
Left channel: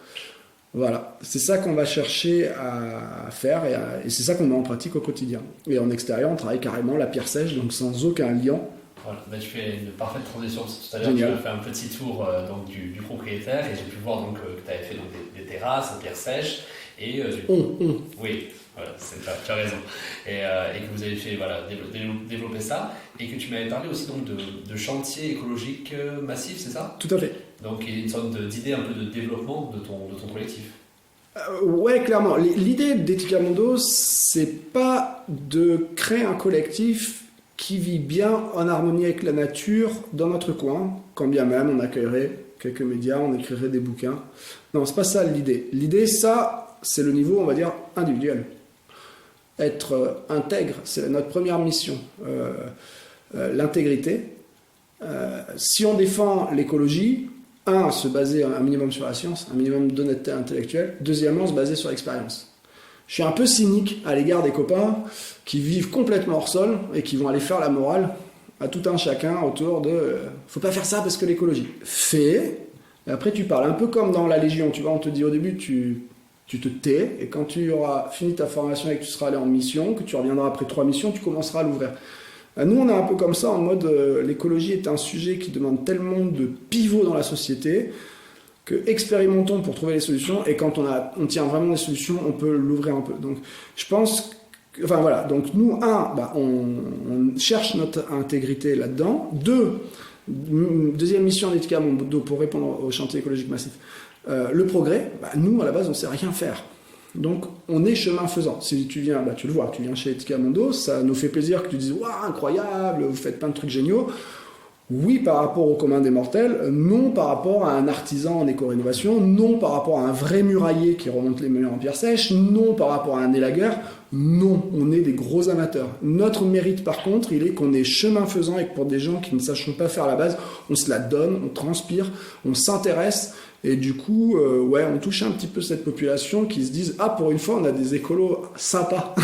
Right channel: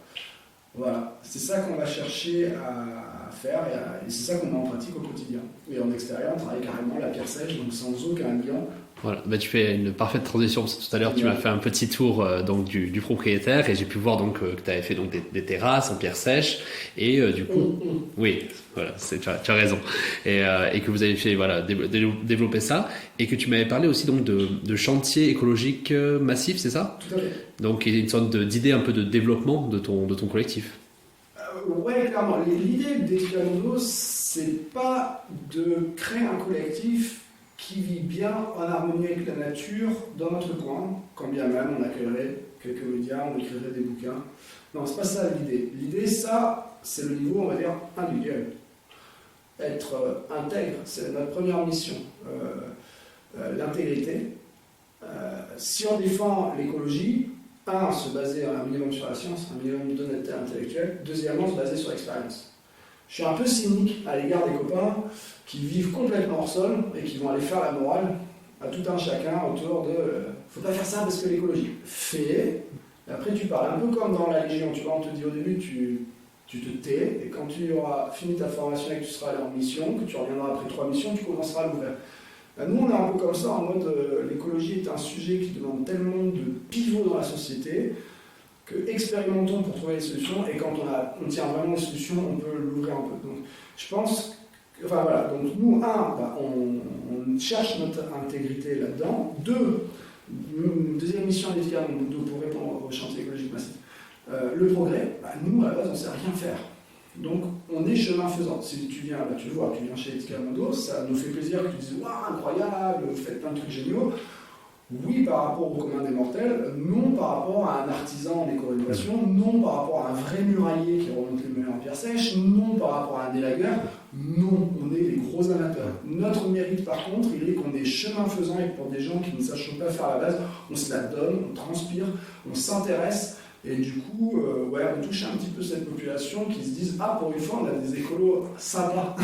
Voilà, c'est ça qu'on va chercher à faire et c'est ça qu'on met en pratique au quotidien. Et en extérieur, on travaille carrément la pierre sèche, donc sans aucun liant. Voilà, tu fais une parfaite transition, parce que tout à l'heure tu as fait un petit tour du propriétaire et j'ai pu voir que tu avais fait des terrasses en pierre sèche et du coup, oui, voilà, tu as raison et que vous avez fait développer ça et que tu m'avais parlé aussi de chantier écologique massif, c'est ça? Tout à fait. Donc il y a une sorte d'idée un peu de développement de ton collectif. Ouais, clairement. L'idée d'Etica Mundo, c'est pas de créer un collectif qui vit bien en harmonie avec la nature dans notre coin, quand bien même on accueillerait quelques médias, on écrirait des bouquins. Non, c'est pas ça l'idée. L'idée, ça, c'est le niveau, on va dire, individuel. Être intègre, c'est notre première mission. L'intégrité. Si on défend l'écologie, se baser un minimum sur la science, un minimum d'honnêteté intellectuelle. Deuxièmement, se baser sur l'expérience. Je suis un peu cynique à l'égard des copains qui vivent complètement hors sol et qui vont aller faire la morale à tout un chacun autour de faut pas faire ça parce que l'écologie. Fais, et après tu parles. Un peu comme dans la Légion, tu vois, on te dit au début tu te tais, et quand tu auras fini ta formation et que tu seras allé en mission, que tu reviendras après 3 missions, tu commenceras à l'ouvrir. Nous, on est un peu comme ça, en mode l'écologie est un sujet qui demande tellement de pivots dans la société que expérimentons pour trouver les solutions, et quand on tient vraiment les solutions, on peut l'ouvrir un peu. Donc, je pense enfin voilà, donc nous, on cherche notre intégrité là-dedans. Deuxième mission d'Etica Mundo pour répondre au chantier écologique massif. Le progrès, nous à la base on ne sait rien faire. Donc on est chemin faisant. Si tu viens, tu le vois, tu viens chez Etica Mundo, ça nous fait plaisir que tu dises waouh, incroyable, vous faites plein de trucs géniaux. Oui, par rapport au commun des mortels, non par rapport à un artisan en éco-rénovation, non par rapport à un vrai murailler qui remonte les murs en pierre sèche, non par rapport à un élagueur, non, on est des gros amateurs. Notre mérite par contre, il est qu'on est chemin faisant et que pour des gens qui ne sachent pas faire la base, on se la donne, on transpire, on s'intéresse. Et du coup, on touche un petit peu cette population qui se disent « Ah, pour une fois, on a des écolos sympas !»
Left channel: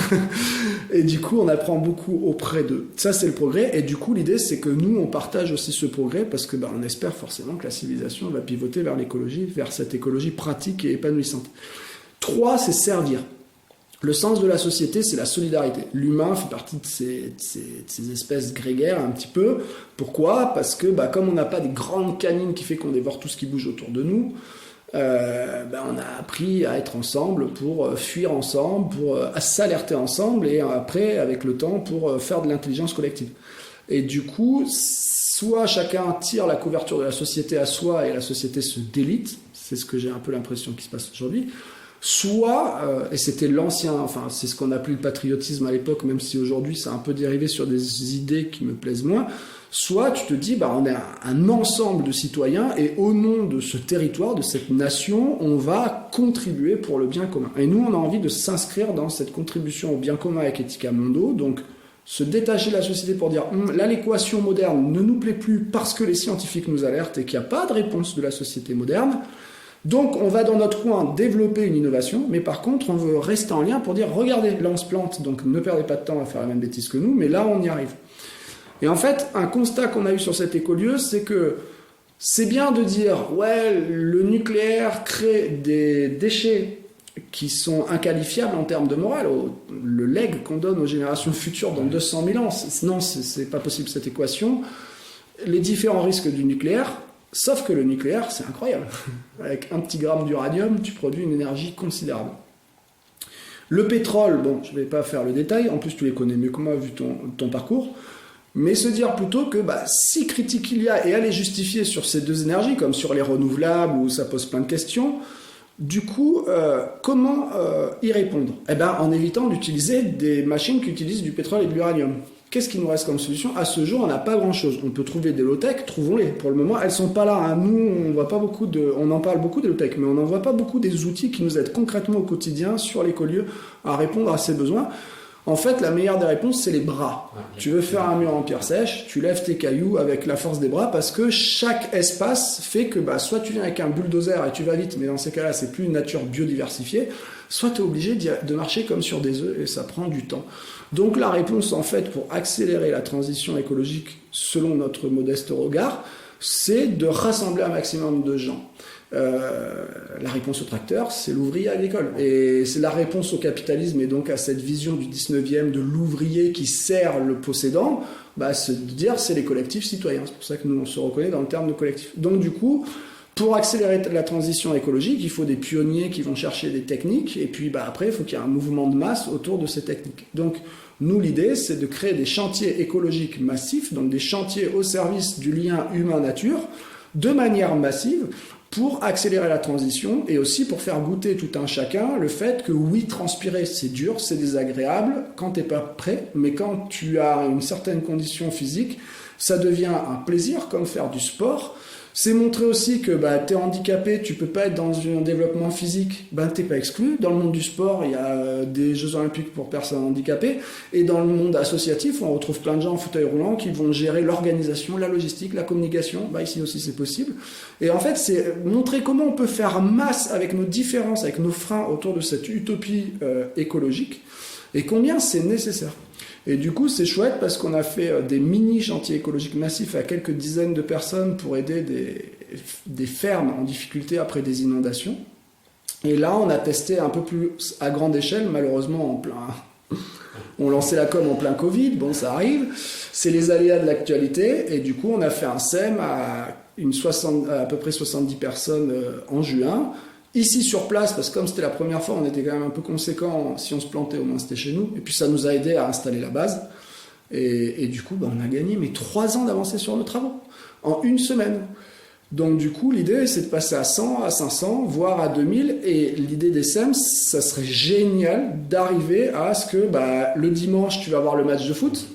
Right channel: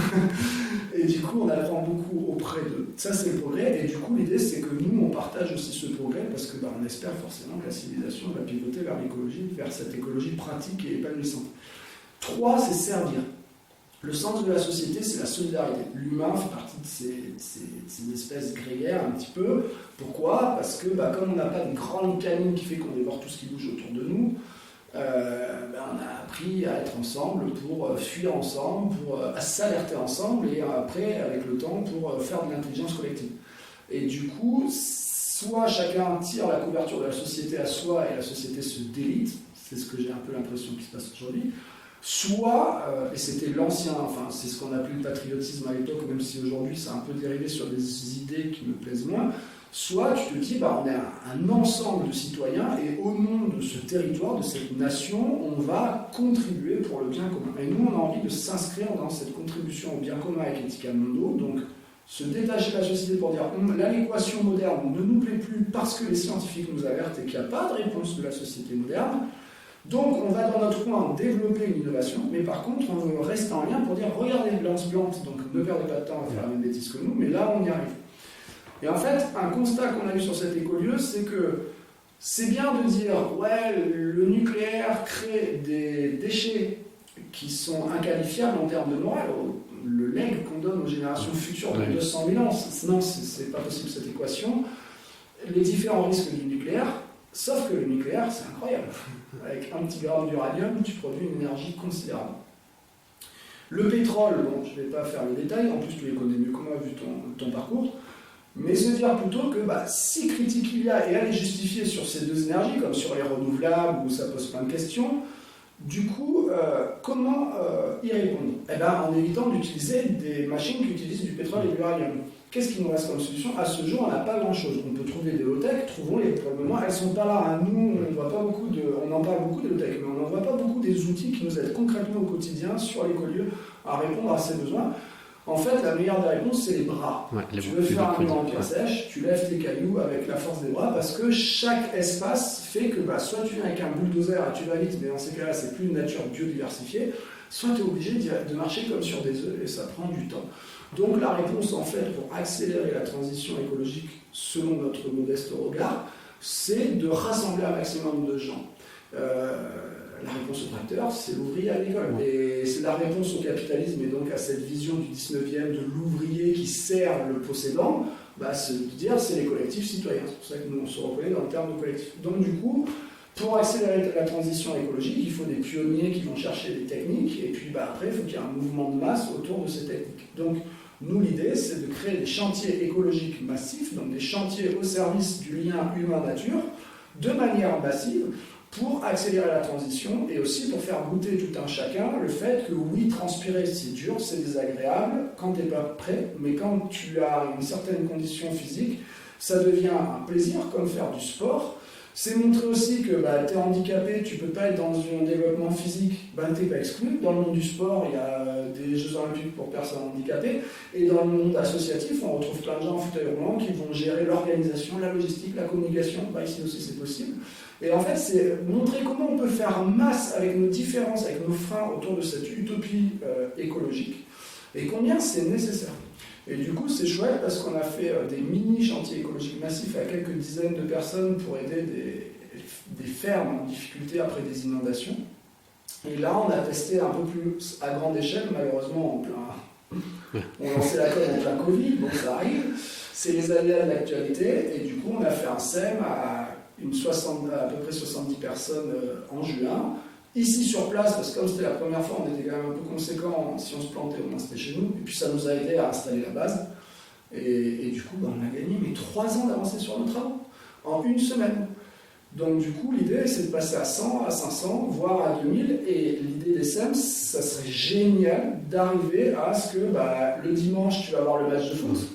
Et du coup, on apprend beaucoup auprès d'eux. Ça, c'est le progrès. Et du coup, l'idée, c'est que nous, on partage aussi ce progrès parce que on espère forcément que la civilisation va pivoter vers l'écologie, vers cette écologie pratique et épanouissante. 3, c'est servir. Le sens de la société, c'est la solidarité. L'humain fait partie de ces espèces grégaires un petit peu. Pourquoi ? Parce que comme on n'a pas de grandes canines qui fait qu'on dévore tout ce qui bouge autour de nous, on a appris à être ensemble pour fuir ensemble, pour s'alerter ensemble et après, avec le temps, pour faire de l'intelligence collective. Et du coup, soit chacun tire la couverture de la société à soi et la société se délite, c'est ce que j'ai un peu l'impression qui se passe aujourd'hui, soit, et c'était l'ancien, enfin c'est ce qu'on appelait le patriotisme à l'époque, même si aujourd'hui c'est un peu dérivé sur des idées qui me plaisent moins, soit tu te dis, on est un ensemble de citoyens et au nom de ce territoire, de cette nation, on va contribuer pour le bien commun. Et nous, on a envie de s'inscrire dans cette contribution au bien commun avec Ethica Mondo, donc se détacher de la société pour dire là l'équation moderne ne nous plaît plus parce que les scientifiques nous alertent et qu'il n'y a pas de réponse de la société moderne. Donc on va dans notre coin développer une innovation, mais par contre on veut rester en lien pour dire regardez, là on se plante, donc ne perdez pas de temps à faire la même bêtise que nous, mais là on y arrive. Et en fait, un constat qu'on a eu sur cet écolieu, c'est que c'est bien de dire ouais, le nucléaire crée des déchets qui sont inqualifiables en termes de morale, le legs qu'on donne aux générations futures de 200 000 ans, non, c'est pas possible cette équation. Les différents risques du nucléaire, sauf que le nucléaire, c'est incroyable. Avec un petit gramme d'uranium, tu produis une énergie considérable. Le pétrole, bon, je ne vais pas faire le détail, en plus tu les connais mieux que moi vu ton parcours, mais se dire plutôt que si critique il y a, et elle est justifiée sur ces deux énergies, comme sur les renouvelables, où ça pose plein de questions, du coup, comment y répondre ? En évitant d'utiliser des machines qui utilisent du pétrole et de l'uranium. Qu'est-ce qui nous reste comme solution ? À ce jour, on n'a pas grand-chose. On peut trouver des low-tech, trouvons-les. Pour le moment, elles ne sont pas là. Hein. Nous, on en parle beaucoup des low-tech, mais on n'en voit pas beaucoup des outils qui nous aident concrètement au quotidien sur l'écolieu à répondre à ces besoins. En fait, la meilleure des réponses, c'est les bras. Ouais, tu veux faire un mur en pierre sèche, tu lèves tes cailloux avec la force des bras parce que chaque espace fait que soit tu viens avec un bulldozer et tu vas vite, mais dans ces cas-là, c'est plus une nature biodiversifiée, soit tu es obligé de marcher comme sur des œufs et ça prend du temps. Donc la réponse, en fait, pour accélérer la transition écologique selon notre modeste regard, c'est de rassembler un maximum de gens. La réponse au tracteur, c'est l'ouvrier agricole. Et c'est la réponse au capitalisme et donc à cette vision du 19e de l'ouvrier qui sert le possédant, c'est de dire c'est les collectifs citoyens. C'est pour ça que nous on se reconnaît dans le terme de collectif. Donc du coup, pour accélérer la transition écologique, il faut des pionniers qui vont chercher des techniques et puis après il faut qu'il y ait un mouvement de masse autour de ces techniques. Donc nous, l'idée, c'est de créer des chantiers écologiques massifs, donc des chantiers au service du lien humain-nature, de manière massive, pour accélérer la transition et aussi pour faire goûter tout un chacun le fait que oui, transpirer c'est dur, c'est désagréable quand t'es pas prêt, mais quand tu as une certaine condition physique, ça devient un plaisir comme faire du sport. C'est montrer aussi que t'es handicapé, tu peux pas être dans un développement physique, t'es pas exclu. Dans le monde du sport, il y a des Jeux Olympiques pour personnes handicapées, et dans le monde associatif, on retrouve plein de gens en fauteuil roulant qui vont gérer l'organisation, la logistique, la communication. Ici aussi c'est possible. Et en fait, c'est montrer comment on peut faire masse avec nos différences, avec nos freins autour de cette utopie écologique, et combien c'est nécessaire. Et du coup, c'est chouette parce qu'on a fait des mini-chantiers écologiques massifs à quelques dizaines de personnes pour aider des fermes en difficulté après des inondations. Et là, on a testé un peu plus à grande échelle, malheureusement, on lançait la com en plein Covid, bon, ça arrive. C'est les aléas de l'actualité. Et du coup, on a fait un SEM à peu près 70 personnes en juin. Ici sur place, parce que comme c'était la première fois, on était quand même un peu conséquent. Si on se plantait, au moins c'était chez nous. Et puis ça nous a aidé à installer la base. Et du coup, on a gagné 3 ans d'avancée sur nos travaux, en une semaine. Donc du coup, l'idée, c'est de passer à 100, à 500, voire à 2000. Et l'idée des SEM, ça serait génial d'arriver à ce que le dimanche, tu vas voir le match de foot.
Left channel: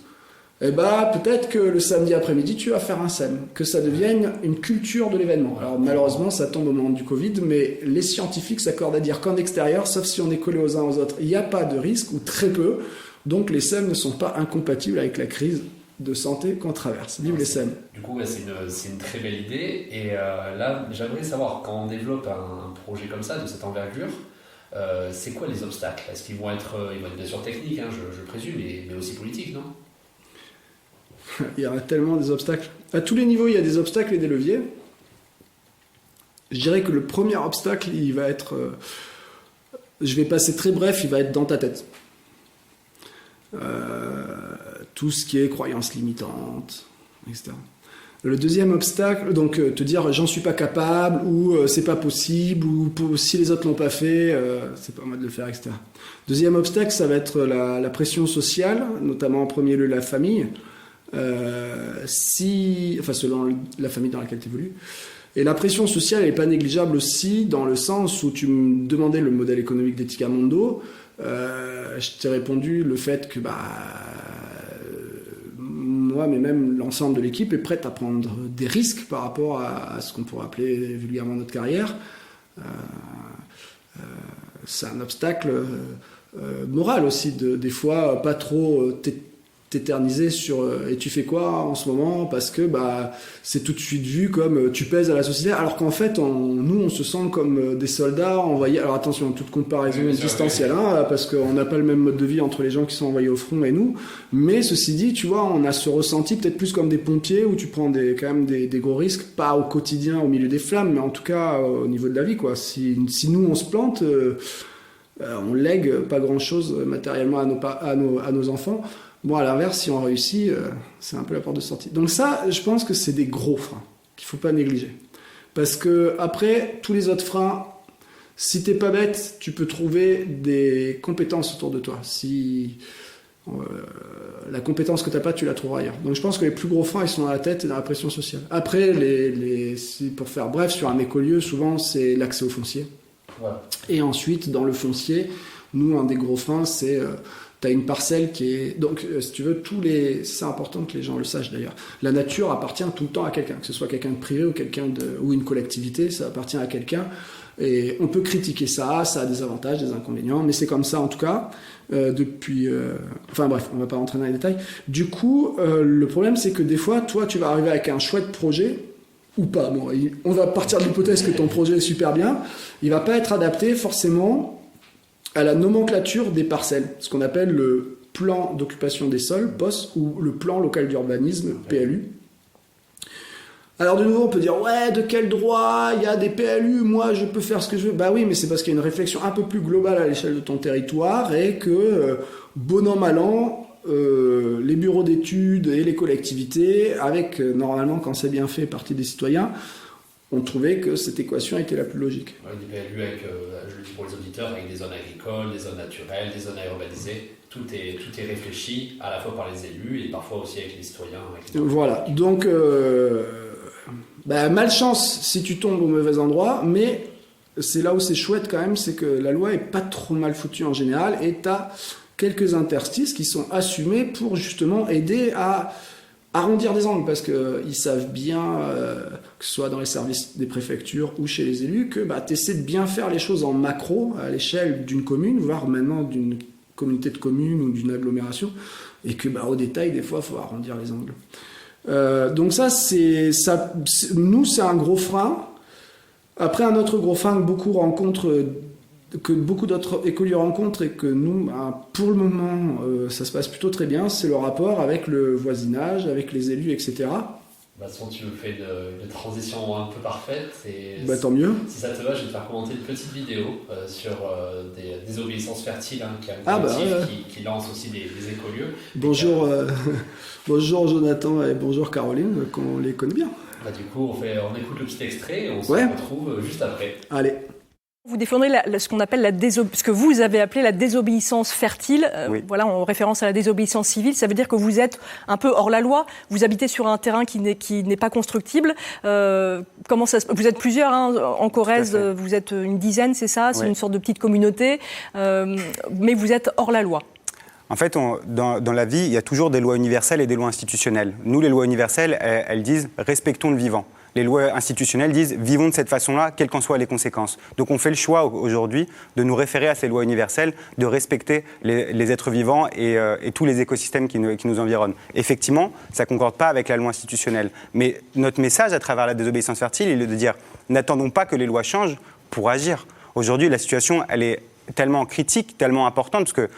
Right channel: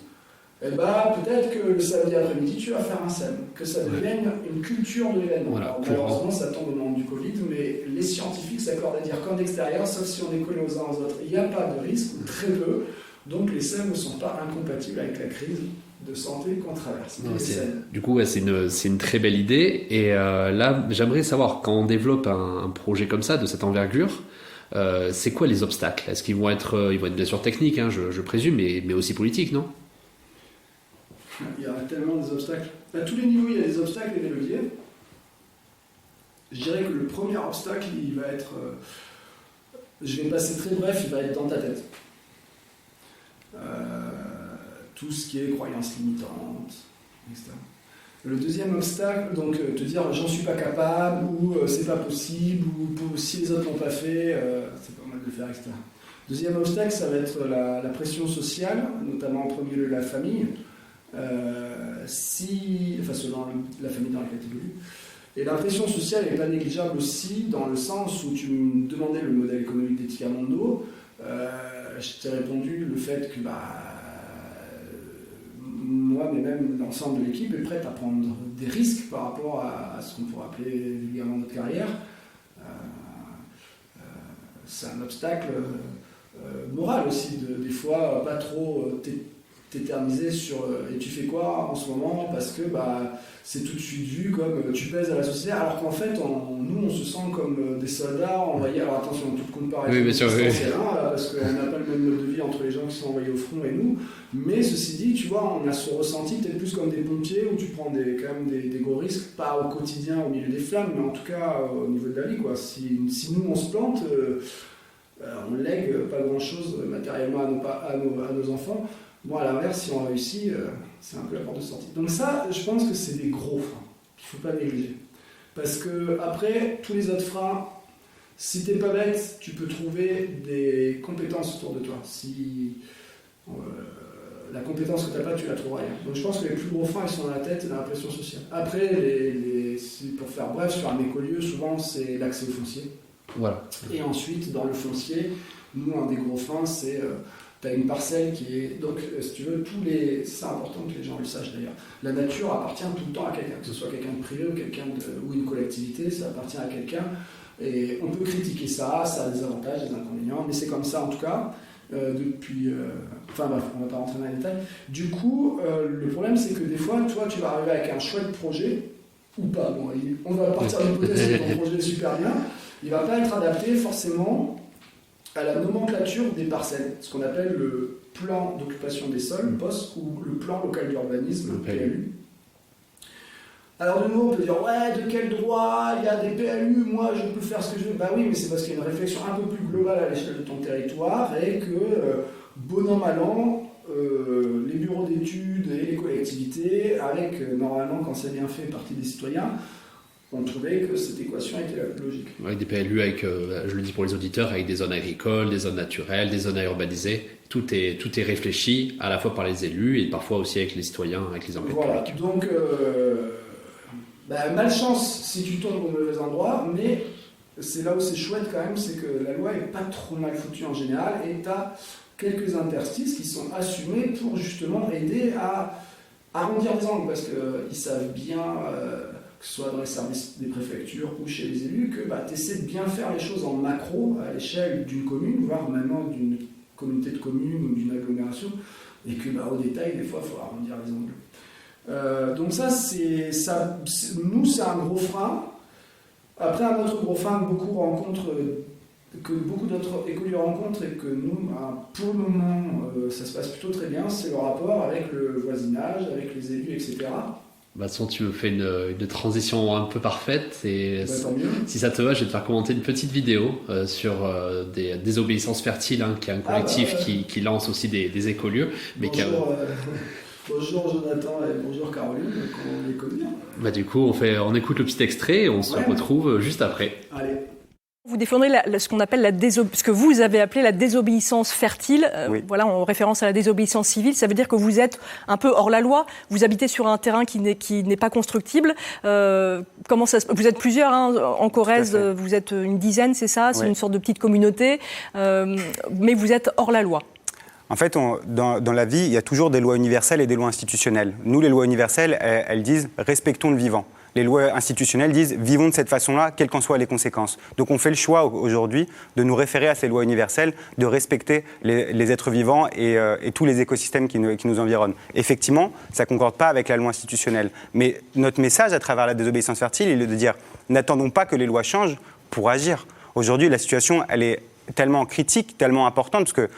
Et peut-être que le samedi après-midi, tu vas faire un SEM, que ça devienne une culture de l'événement. Alors malheureusement, ça tombe au moment du Covid, mais les scientifiques s'accordent à dire qu'en extérieur, sauf si on est collé aux uns aux autres, il n'y a pas de risque, ou très peu. Donc les SEM ne sont pas incompatibles avec la crise de santé qu'on traverse. Du coup, c'est une très belle idée. Et là, j'aimerais savoir, quand on développe un projet comme ça, de cette envergure, c'est quoi les obstacles ? Est-ce qu'ils vont être bien sûr techniques, je présume, mais aussi politiques, non ? Il y a tellement des obstacles. À tous les niveaux, il y a des obstacles et des leviers. Je dirais que le premier obstacle, il va être je vais passer très bref, il va être dans ta tête. Tout ce qui est croyances limitantes, etc. Le deuxième obstacle, donc te dire j'en suis pas capable, ou c'est pas possible, ou si les autres l'ont pas fait, c'est pas mal de le faire, etc. Deuxième obstacle, ça va être la pression sociale, notamment en premier lieu la famille, selon la famille dans laquelle tu évolues. Et la pression sociale n'est pas négligeable aussi, dans le sens où tu me demandais le modèle économique d'Etica Mondo. Je t'ai répondu le fait que moi, mais même l'ensemble de l'équipe est prête à prendre des risques par rapport à ce qu'on pourrait appeler vulgairement notre carrière. C'est un obstacle moral aussi, des fois pas trop t'éterniser sur et tu fais quoi en ce moment, parce que c'est tout de suite vu comme tu pèses à la société, alors qu'en fait nous on se sent comme des soldats envoyés. Alors attention, toute comparaison distancielle, parce qu'on n'a pas le même mode de vie entre les gens qui sont envoyés au front et nous, mais ceci dit, tu vois, on a ce ressenti peut-être plus comme des pompiers où tu prends quand même des gros risques, pas au quotidien au milieu des flammes, mais en tout cas au niveau de la vie, quoi. Si nous on se plante, on lègue pas grand chose matériellement à nos enfants. Bon, à l'inverse, si on réussit, c'est un peu la porte de sortie. Donc ça, je pense que c'est des gros freins qu'il ne faut pas négliger. Parce que après, tous les autres freins, si t'es pas bête, tu peux trouver des compétences autour de toi. Si la compétence que tu n'as pas, tu la trouveras ailleurs. Donc je pense que les plus gros freins, ils sont dans la tête et dans la pression sociale. Après, pour faire bref, sur un écolieu, souvent, c'est l'accès au foncier. Voilà. Et ensuite, dans le foncier, nous, un des gros freins, c'est... tu as une parcelle qui est... Donc, si tu veux, c'est important que les gens le sachent d'ailleurs. La nature appartient tout le temps à quelqu'un, que ce soit quelqu'un de privé ou une collectivité, ça appartient à quelqu'un. Et on peut critiquer ça a des avantages, des inconvénients, mais c'est comme ça en tout cas, depuis... Enfin bref, on ne va pas rentrer dans les détails. Du coup, le problème, c'est que des fois, toi, tu vas arriver avec un chouette projet, ou pas. Bon, on va partir de l'hypothèse que ton projet est super bien. Il ne va pas être adapté forcément à la nomenclature des parcelles, ce qu'on appelle le plan d'occupation des sols, POS, ou le plan local d'urbanisme, PLU. Alors de nouveau, on peut dire, ouais, de quel droit, il y a des PLU, moi je peux faire ce que je veux. Bah oui, mais c'est parce qu'il y a une réflexion un peu plus globale à l'échelle de ton territoire, et que, bon an, mal an, les bureaux d'études et les collectivités, avec, normalement, quand c'est bien fait, partie des citoyens, on trouvait que cette équation était la plus logique. Avec des PLU, je le dis pour les auditeurs, avec des zones agricoles, des zones naturelles, des zones à urbaniser. Tout est réfléchi à la fois par les élus et parfois aussi avec les citoyens, avec les habitants. Voilà, donc malchance si tu tombes au mauvais endroit, mais c'est là où c'est chouette quand même, c'est que la loi est pas trop mal foutue en général, et tu as quelques interstices qui sont assumés pour justement aider à arrondir les angles, parce qu'ils savent bien... que ce soit dans les services des préfectures ou chez les élus, que tu essaies de bien faire les choses en macro, à l'échelle d'une commune, voire maintenant d'une communauté de communes ou d'une agglomération, et que au détail, des fois, il faut arrondir les angles. Donc nous, c'est un gros frein. Après, un autre gros frein que beaucoup d'autres écoliers rencontrent, et que nous, pour le moment, ça se passe plutôt très bien, c'est le rapport avec le voisinage, avec les élus, etc. De toute façon, tu me fais une transition un peu parfaite. Et tant mieux. Si ça te va, je vais te faire commenter une petite vidéo sur des désobéissances fertiles, qui est un collectif qui lance aussi des écolieux. Bonjour, bonjour Jonathan et bonjour Caroline, qu'on les connaît bien. Du coup, on écoute le petit extrait et on se retrouve juste après. Allez. Vous défendrez ce qu'on appelle ce que vous avez appelé la désobéissance fertile, voilà, en référence à la désobéissance civile. Ça veut dire que vous êtes un peu hors la loi, vous habitez sur un terrain qui n'est pas constructible. Comment ça se... Vous êtes plusieurs, en Corrèze, vous êtes une dizaine, c'est ça? C'est une sorte de petite communauté, mais vous êtes hors la loi. En fait, dans la vie, il y a toujours des lois universelles et des lois institutionnelles. Nous, les lois universelles, elles disent « respectons le vivant ». Les lois institutionnelles disent « vivons de cette façon-là, quelles qu'en soient les conséquences ». Donc on fait le choix aujourd'hui de nous référer à ces lois universelles, de respecter les êtres vivants et tous les écosystèmes qui nous environnent. Effectivement, ça ne concorde pas avec la loi institutionnelle. Mais notre message à travers la désobéissance fertile, il est de dire « n'attendons pas que les lois changent pour agir ». Aujourd'hui, la situation, elle est tellement critique, tellement importante, parce que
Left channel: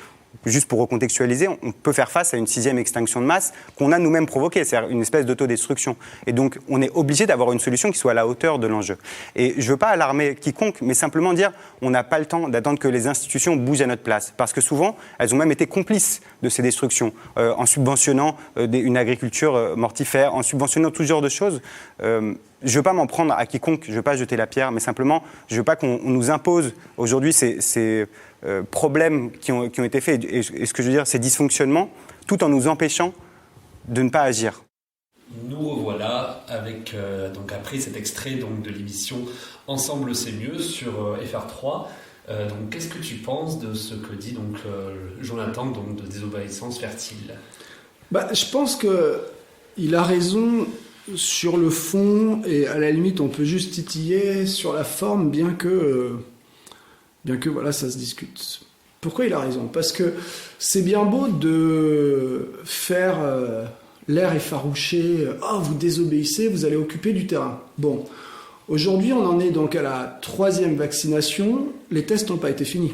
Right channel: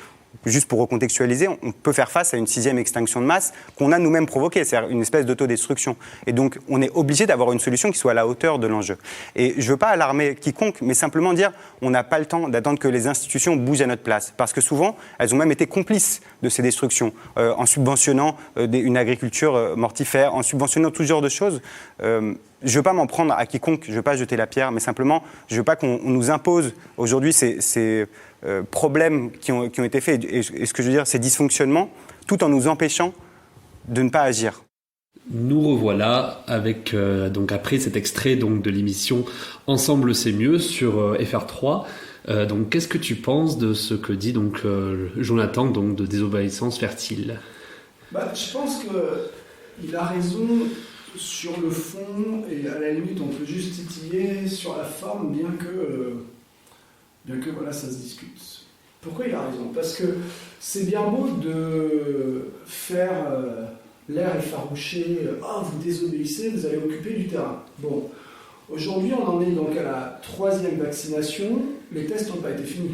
juste pour recontextualiser, on peut faire face à une 6e extinction de masse qu'on a nous-mêmes provoquée, c'est-à-dire une espèce d'autodestruction. Et donc, on est obligé d'avoir une solution qui soit à la hauteur de l'enjeu. Et je ne veux pas alarmer quiconque, mais simplement dire on n'a pas le temps d'attendre que les institutions bougent à notre place. Parce que souvent, elles ont même été complices de ces destructions, en subventionnant une agriculture mortifère, en subventionnant tout genre de choses. Je ne veux pas m'en prendre à quiconque, je ne veux pas jeter la pierre, mais simplement, je ne veux pas qu'on nous impose aujourd'hui ces problèmes qui ont été faits, et ce que je veux dire, ces dysfonctionnements, tout en nous empêchant de ne pas agir. Nous revoilà avec, donc après cet extrait donc, de l'émission Ensemble c'est mieux sur FR3. Donc qu'est-ce que tu penses de ce que dit donc, Jonathan donc, de désobéissance fertile ? Je pense qu'il a raison sur le fond, et à la limite on peut juste titiller sur la forme, bien que voilà, ça se discute. Pourquoi il a raison ? Parce que c'est bien beau de faire l'air effarouché, vous désobéissez, vous allez occuper du terrain. Bon, aujourd'hui on en est donc à la 3e vaccination, les tests n'ont pas été finis.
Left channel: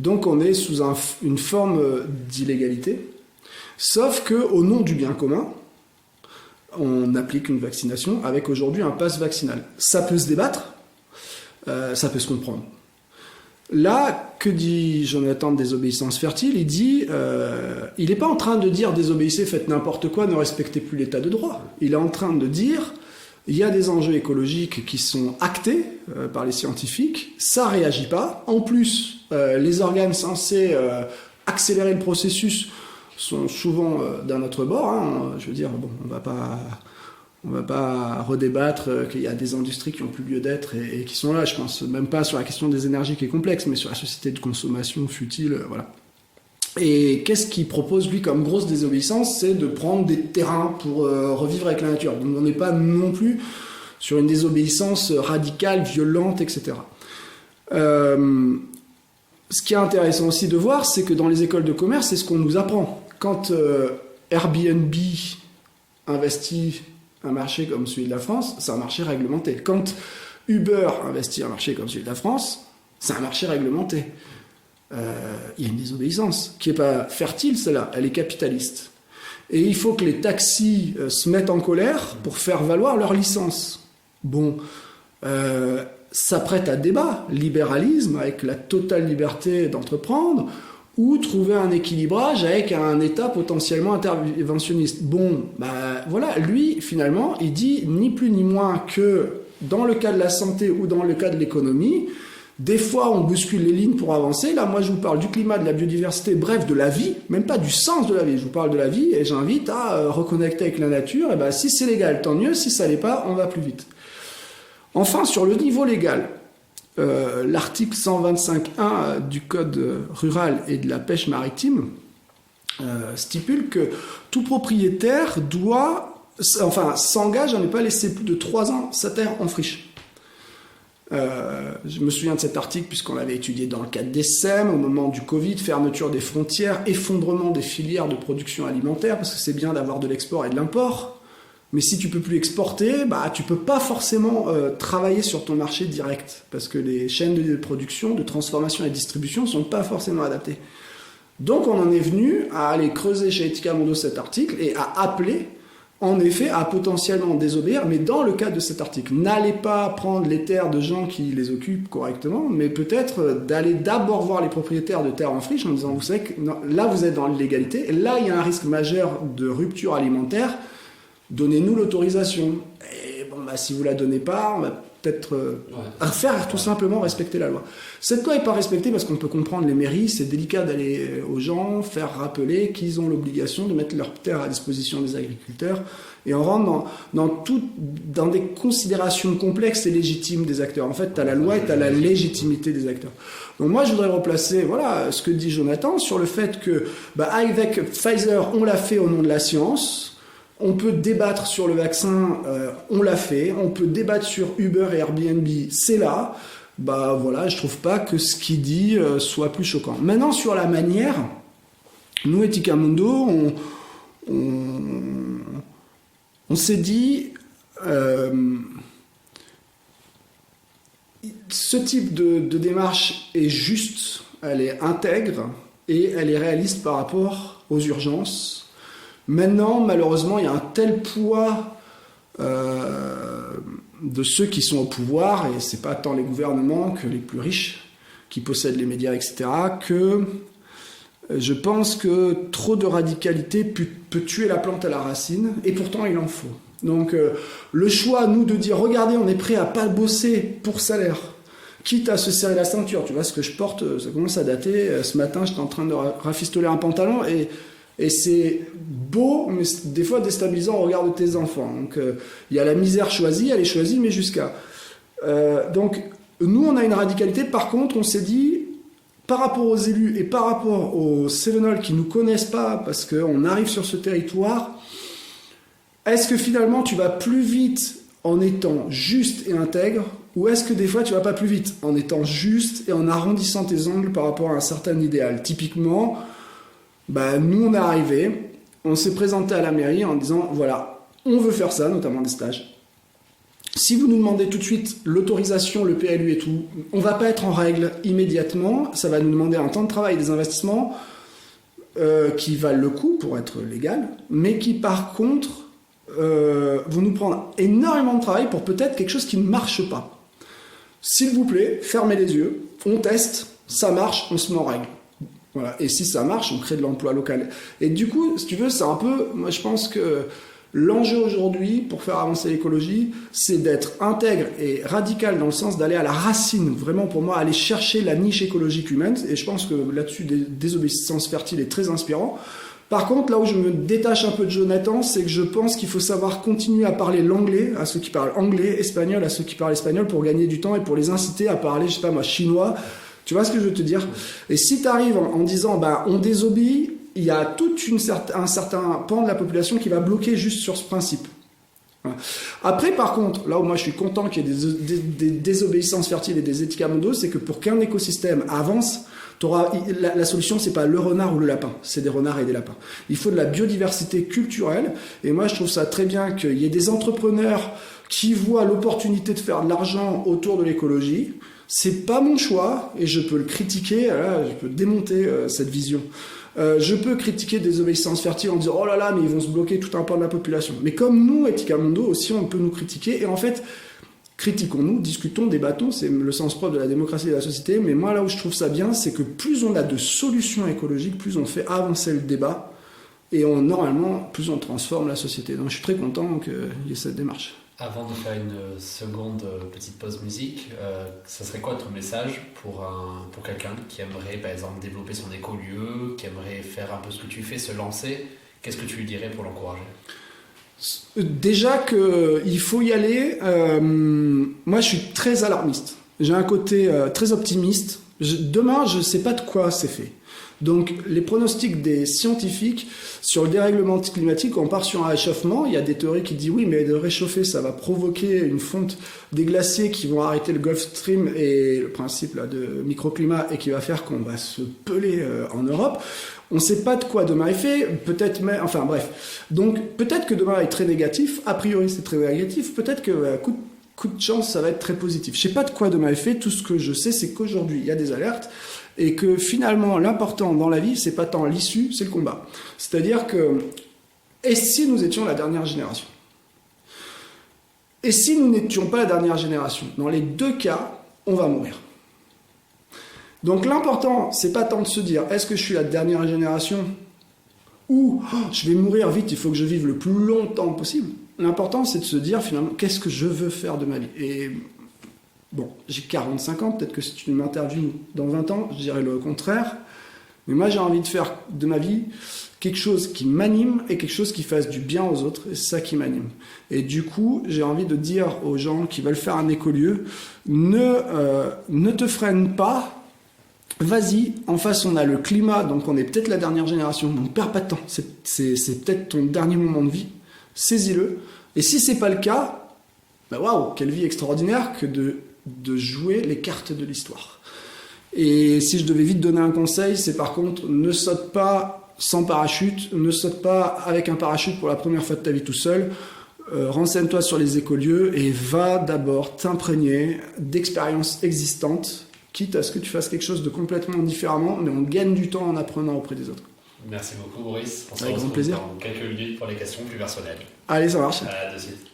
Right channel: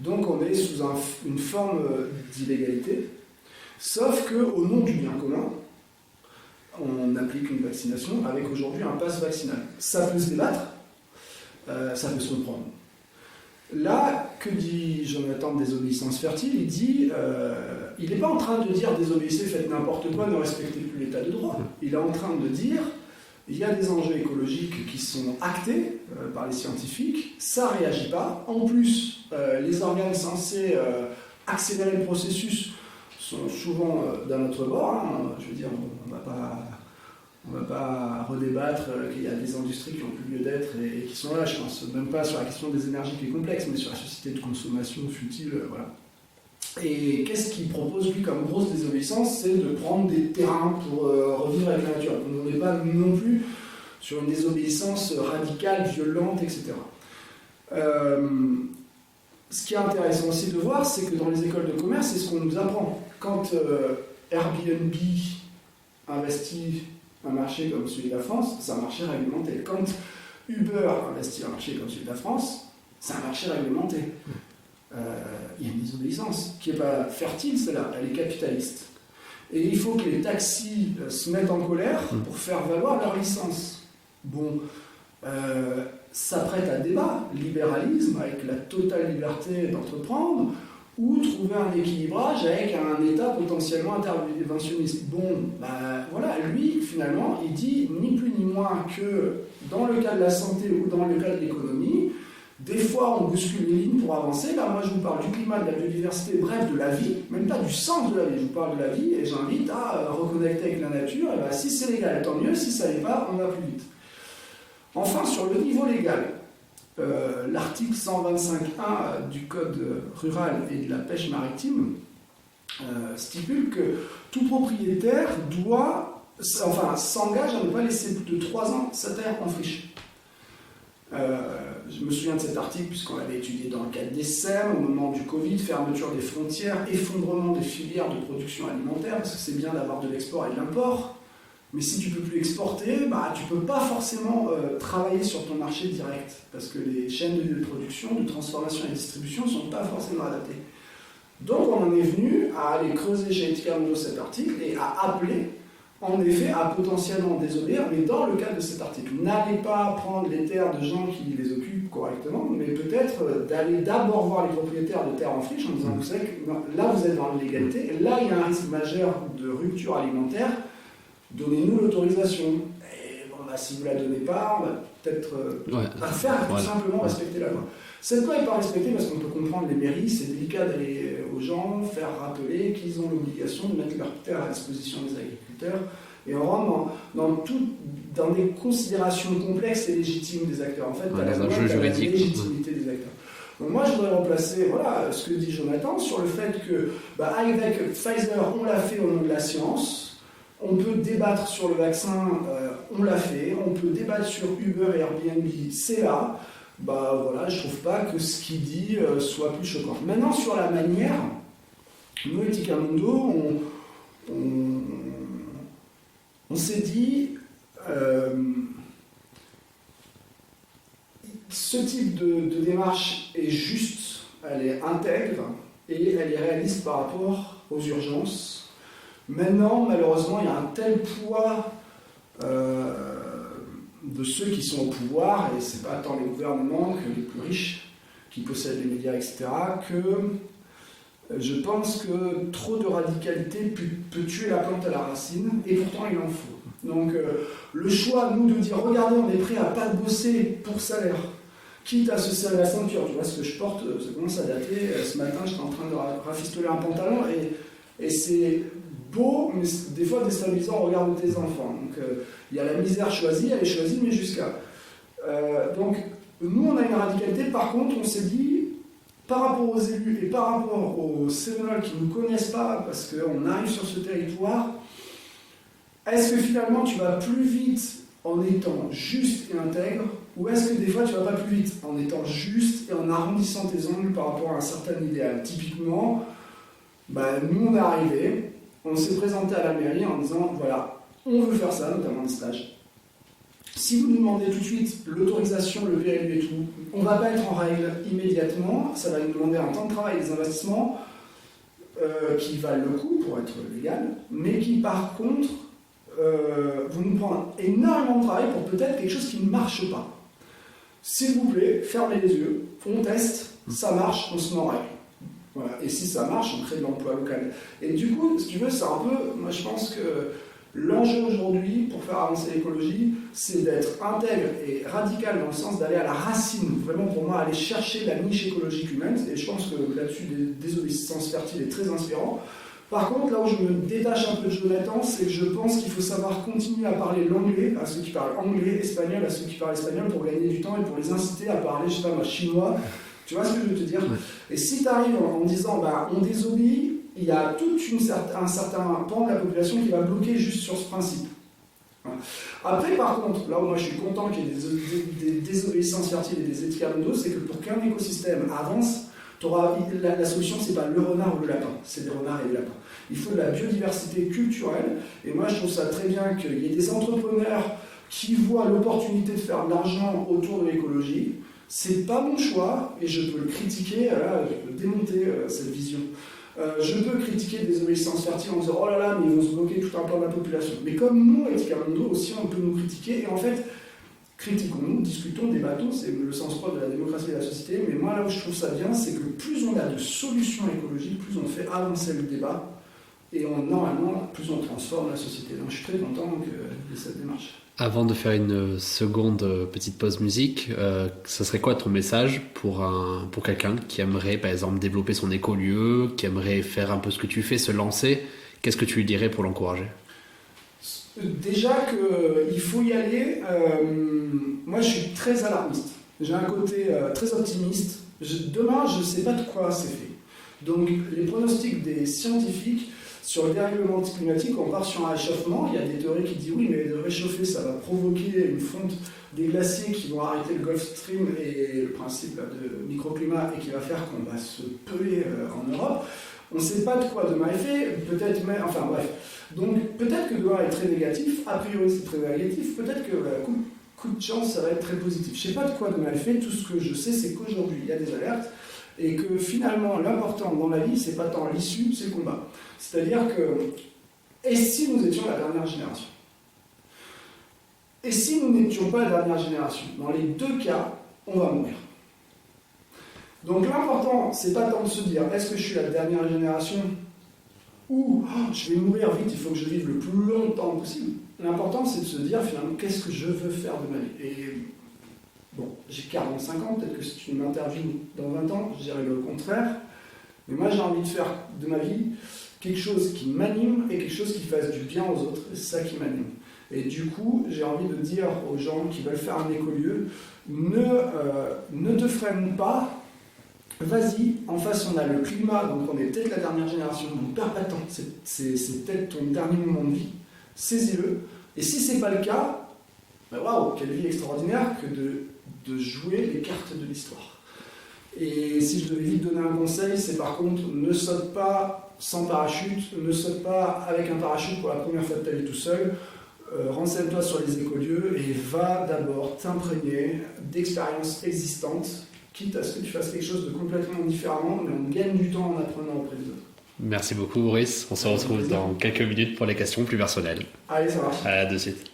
Donc on est sous une forme d'illégalité, sauf qu'au nom du bien commun, on applique une vaccination avec aujourd'hui un pass vaccinal. Ça peut se débattre, ça peut se comprendre. Là, que dit Jonathan de désobéissance fertile ? Il dit, il n'est pas en train de dire désobéissez, faites n'importe quoi, ne respectez plus l'état de droit. Il est en train de dire, il y a des enjeux écologiques qui sont actés par les scientifiques, ça ne réagit pas. En plus, les organes censés accélérer le processus sont souvent dans notre bord. Hein. Je veux dire, bon, on va pas redébattre qu'il y a des industries qui n'ont plus lieu d'être et qui sont là. Je pense même pas sur la question des énergies qui est complexe, mais sur la société de consommation futile, voilà. Et qu'est-ce qu'il propose, lui, comme grosse désobéissance ? C'est de prendre des terrains pour revivre avec la nature. Donc on n'est pas non plus sur une désobéissance radicale, violente, etc. Ce qui est intéressant aussi de voir, c'est que dans les écoles de commerce, c'est ce qu'on nous apprend. Quand Airbnb investit un marché comme celui de la France, c'est un marché réglementé. Quand Uber investit un marché comme celui de la France, c'est un marché réglementé. Il y a une désobéissance qui n'est pas fertile, celle-là, elle est capitaliste. Et il faut que les taxis se mettent en colère pour faire valoir leur licence. Bon, ça prête à débat, libéralisme avec la totale liberté d'entreprendre, ou trouver un équilibrage avec un État potentiellement interventionniste. Bon, voilà, lui, finalement, il dit ni plus ni moins que dans le cas de la santé ou dans le cas de l'économie, des fois on bouscule les lignes pour avancer. Là, moi, je vous parle du climat, de la biodiversité, bref, de la vie, même pas du sens de la vie, je vous parle de la vie, et j'invite à reconnecter avec la nature. Et si c'est légal, tant mieux, si ça l'est pas, on va plus vite. Enfin, sur le niveau légal, l'article 125.1 du Code rural et de la pêche maritime stipule que tout propriétaire s'engage à ne pas laisser plus de 3 ans sa terre en friche. Je me souviens de cet article puisqu'on l'avait étudié dans le cadre des SEM, au moment du Covid, fermeture des frontières, effondrement des filières de production alimentaire, parce que c'est bien d'avoir de l'export et de l'import. Mais si tu ne peux plus exporter, tu ne peux pas forcément travailler sur ton marché direct, parce que les chaînes de production, de transformation et de distribution ne sont pas forcément adaptées. Donc on en est venu à aller creuser chez Etica Mundo cet article et à appeler, en effet, à potentiellement désobéir, mais dans le cadre de cet article. N'allez pas prendre les terres de gens qui les occupent correctement, mais peut-être d'aller d'abord voir les propriétaires de terres en friche en disant, vous savez que là vous êtes dans l'illégalité, et là il y a un risque majeur de rupture alimentaire, donnez-nous l'autorisation. Et si vous ne la donnez pas, on va peut-être faire tout simplement respecter la loi. Cette loi n'est pas respectée parce qu'on peut comprendre les mairies, c'est délicat d'aller aux gens, faire rappeler qu'ils ont l'obligation de mettre leurs terres à disposition des agriculteurs, et on rentre dans des considérations complexes et légitimes des acteurs. En fait, tu as la loi, tu as la légitimité des acteurs. Donc moi, je voudrais replacer ce que dit Jonathan sur le fait que, avec Pfizer, on l'a fait au nom de la science. On peut débattre sur le vaccin, on l'a fait. On peut débattre sur Uber et Airbnb, c'est là. Je trouve pas que ce qu'il dit soit plus choquant. Maintenant, sur la manière, nous, Etica Mundo, on s'est dit, ce type de démarche est juste, elle est intègre, et elle est réaliste par rapport aux urgences. Maintenant, malheureusement, il y a un tel poids de ceux qui sont au pouvoir, et c'est pas tant les gouvernements que les plus riches qui possèdent les médias, etc., que je pense que trop de radicalité peut tuer la plante à la racine, et pourtant il en faut. Donc le choix, nous, de dire, regardez, on est prêt à pas bosser pour salaire, quitte à se serrer la ceinture. Tu vois, ce que je porte, ça commence à dater. Ce matin, j'étais en train de rafistoler un pantalon, et c'est beau, mais c'est des fois déstabilisant au regard de tes enfants. Donc il y a la misère choisie, elle est choisie, mais jusqu'à... donc nous, on a une radicalité. Par contre, on s'est dit, par rapport aux élus et par rapport aux Cévenols qui ne nous connaissent pas, parce qu'on arrive sur ce territoire, est-ce que finalement tu vas plus vite en étant juste et intègre, ou est-ce que des fois tu vas pas plus vite en étant juste et en arrondissant tes angles par rapport à un certain idéal? Typiquement, nous on est arrivé, on s'est présenté à la mairie en disant voilà, on veut faire ça, notamment des stages. Si vous nous demandez tout de suite l'autorisation, le PLU et tout, on va pas être en règle immédiatement, ça va nous demander un temps de travail et des investissements qui valent le coup pour être légal, mais qui par contre vont nous prendre énormément de travail pour peut-être quelque chose qui ne marche pas. S'il vous plaît, fermez les yeux, on teste, ça marche, on se met en règle. Voilà. Et si ça marche, on crée de l'emploi local. Et du coup, si tu veux, c'est un peu, moi je pense que l'enjeu aujourd'hui, pour faire avancer l'écologie, c'est d'être intègre et radical dans le sens d'aller à la racine, vraiment pour moi, aller chercher la niche écologique humaine, et je pense que là-dessus, Désobéissance fertile est très inspirant. Par contre, là où je me détache un peu de Jonathan, c'est que je pense qu'il faut savoir continuer à parler l'anglais, à ceux qui parlent anglais, espagnol, à ceux qui parlent espagnol, pour gagner du temps et pour les inciter à parler, je sais pas moi, chinois. Tu vois ce que je veux te dire? Et si tu arrives en disant, on désobéit, il y a tout un certain pan de la population qui va bloquer juste sur ce principe. Voilà. Après, par contre, là où moi je suis content qu'il y ait des désobéissances fertiles et des éthiques à mondo, c'est que pour qu'un écosystème avance, la solution, c'est pas le renard ou le lapin, c'est des renards et des lapins. Il faut de la biodiversité culturelle, et moi je trouve ça très bien qu'il y ait des entrepreneurs qui voient l'opportunité de faire de l'argent autour de l'écologie. C'est pas mon choix, et je peux le critiquer, je peux démonter cette vision. Je peux critiquer Désobéissance fertile en disant oh là là, mais ils vont se bloquer tout un pan de la population. Mais comme nous, Éthica Mondo aussi, on peut nous critiquer, et en fait, critiquons-nous, discutons, débattons, c'est le sens propre de la démocratie et de la société. Mais moi, là où je trouve ça bien, c'est que plus on a de solutions écologiques, plus on fait avancer le débat, et normalement, plus on transforme la société. Donc je suis très content qu'il y ait cette démarche. Avant de faire une seconde petite pause musique, ça serait quoi ton message pour quelqu'un qui aimerait par exemple développer son écolieu, qui aimerait faire un peu ce que tu fais, se lancer? Qu'est-ce que tu lui dirais pour l'encourager? Déjà qu'il faut y aller. Moi je suis très alarmiste, j'ai un côté très optimiste. Demain je ne sais pas de quoi c'est fait. Donc les pronostics des scientifiques sur le dérèglement climatique, on part sur un réchauffement. Il y a des théories qui disent oui, mais de réchauffer, ça va provoquer une fonte des glaciers qui vont arrêter le Gulf Stream et le principe là, de microclimat, et qui va faire qu'on va se peler en Europe. On ne sait pas de quoi demain est fait, peut-être, mais enfin bref. Donc peut-être que demain est très négatif, a priori c'est très négatif, peut-être que coup de chance ça va être très positif. Je ne sais pas de quoi demain est fait, tout ce que je sais c'est qu'aujourd'hui il y a des alertes, et que finalement l'important dans la vie c'est pas tant l'issue, c'est le combat. C'est-à-dire que, et si nous étions la dernière génération? Et si nous n'étions pas la dernière génération? Dans les deux cas, on va mourir. Donc l'important, c'est pas tant de se dire est-ce que je suis la dernière génération ou je vais mourir vite, il faut que je vive le plus longtemps possible. L'important, c'est de se dire finalement qu'est-ce que je veux faire de ma vie. Et bon, j'ai 45 ans, peut-être que si tu m'interviews dans 20 ans, je dirais le contraire. Mais moi, j'ai envie de faire de ma vie quelque chose qui m'anime et quelque chose qui fasse du bien aux autres. Et c'est ça qui m'anime. Et du coup, j'ai envie de dire aux gens qui veulent faire un écolieu, ne te freine pas. Vas-y, en face on a le climat, donc on est peut-être la dernière génération, donc perds pas de temps, c'est peut-être ton dernier moment de vie, saisis-le, et si c'est pas le cas, waouh, quelle vie extraordinaire que de jouer les cartes de l'histoire. Et si je devais vite donner un conseil, c'est par contre, ne saute pas sans parachute, ne saute pas avec un parachute pour la première fois de ta vie tout seul, renseigne-toi sur les écolieux et va d'abord t'imprégner d'expériences existantes quitte à ce que tu fasses quelque chose de complètement différemment, mais on gagne du temps en apprenant auprès des autres. Merci beaucoup, Boris. On se Avec retrouve plaisir. dans quelques minutes pour les questions plus personnelles. Allez, ça marche. À de suite.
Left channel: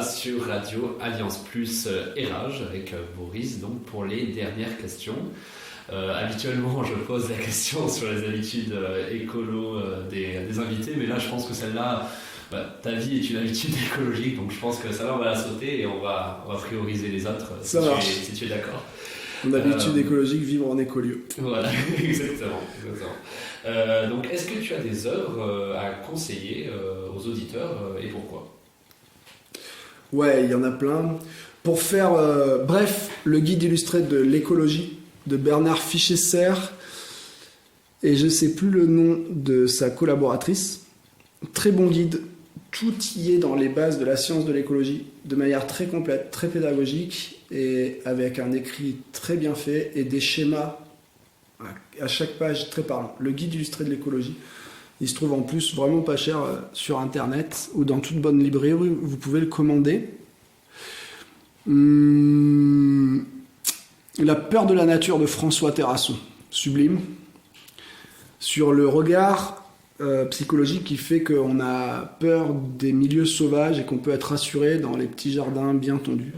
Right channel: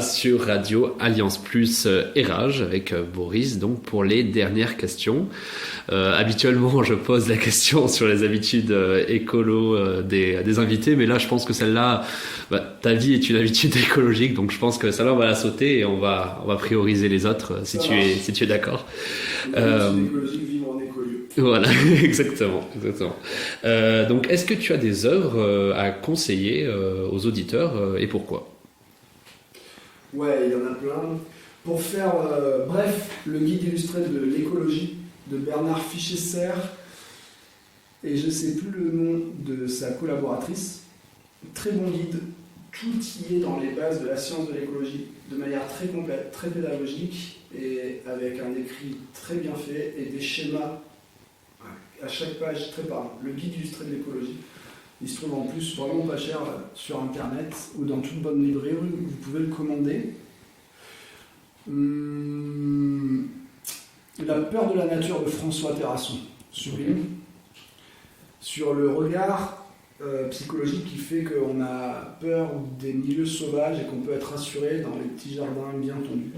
Sur Radio Alliance Plus Érage avec Boris, donc pour les dernières questions. Habituellement, je pose la question sur les habitudes écolo des invités, mais là, je pense que celle-là, ta vie est une habitude écologique, donc je pense que celle-là, on va la sauter et on va prioriser les autres si tu es d'accord. L'habitude écologique, vivre en écolieu. Voilà, exactement. Donc, est-ce que tu as des œuvres à conseiller aux auditeurs et pourquoi ? Ouais, il y en a plein. Pour faire bref, le guide illustré de l'écologie de Bernard Fichesser, et je ne sais plus le nom de sa collaboratrice. Très bon guide, tout y est dans les bases de la science de l'écologie, de manière très complète, très pédagogique, et avec un écrit très bien fait et des schémas à chaque page très parlants. Le guide illustré de l'écologie. Il se trouve en plus vraiment pas cher sur internet ou dans toute bonne librairie, vous pouvez le commander. La peur de la nature de François Terrasson, sublime. Sur le regard psychologique qui fait qu'on a peur des milieux sauvages et qu'on peut être rassuré dans les petits jardins bien tondus.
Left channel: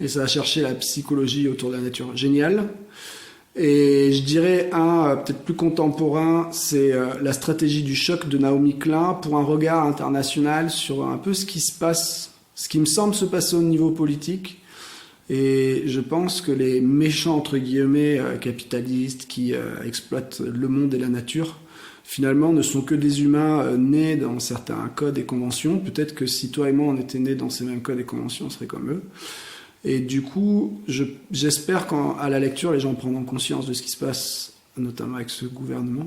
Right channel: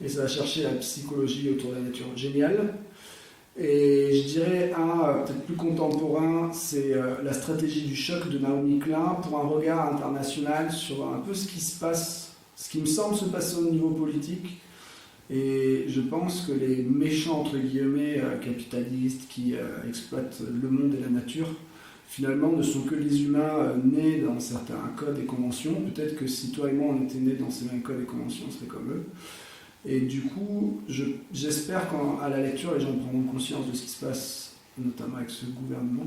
Et ça va chercher la psychologie autour de la nature. Génial. Et je dirais un peut-être plus contemporain, c'est la stratégie du choc de Naomi Klein pour un regard international sur un peu ce qui se passe, ce qui me semble se passer au niveau politique. Et je pense que les méchants, entre guillemets, capitalistes qui exploitent le monde et la nature, finalement ne sont que des humains nés dans certains codes et conventions. Peut-être que si toi et moi on était nés dans ces mêmes codes et conventions, on serait comme eux. Et du coup, j'espère qu'à la lecture, les gens prendront conscience de ce qui se passe, notamment avec ce gouvernement.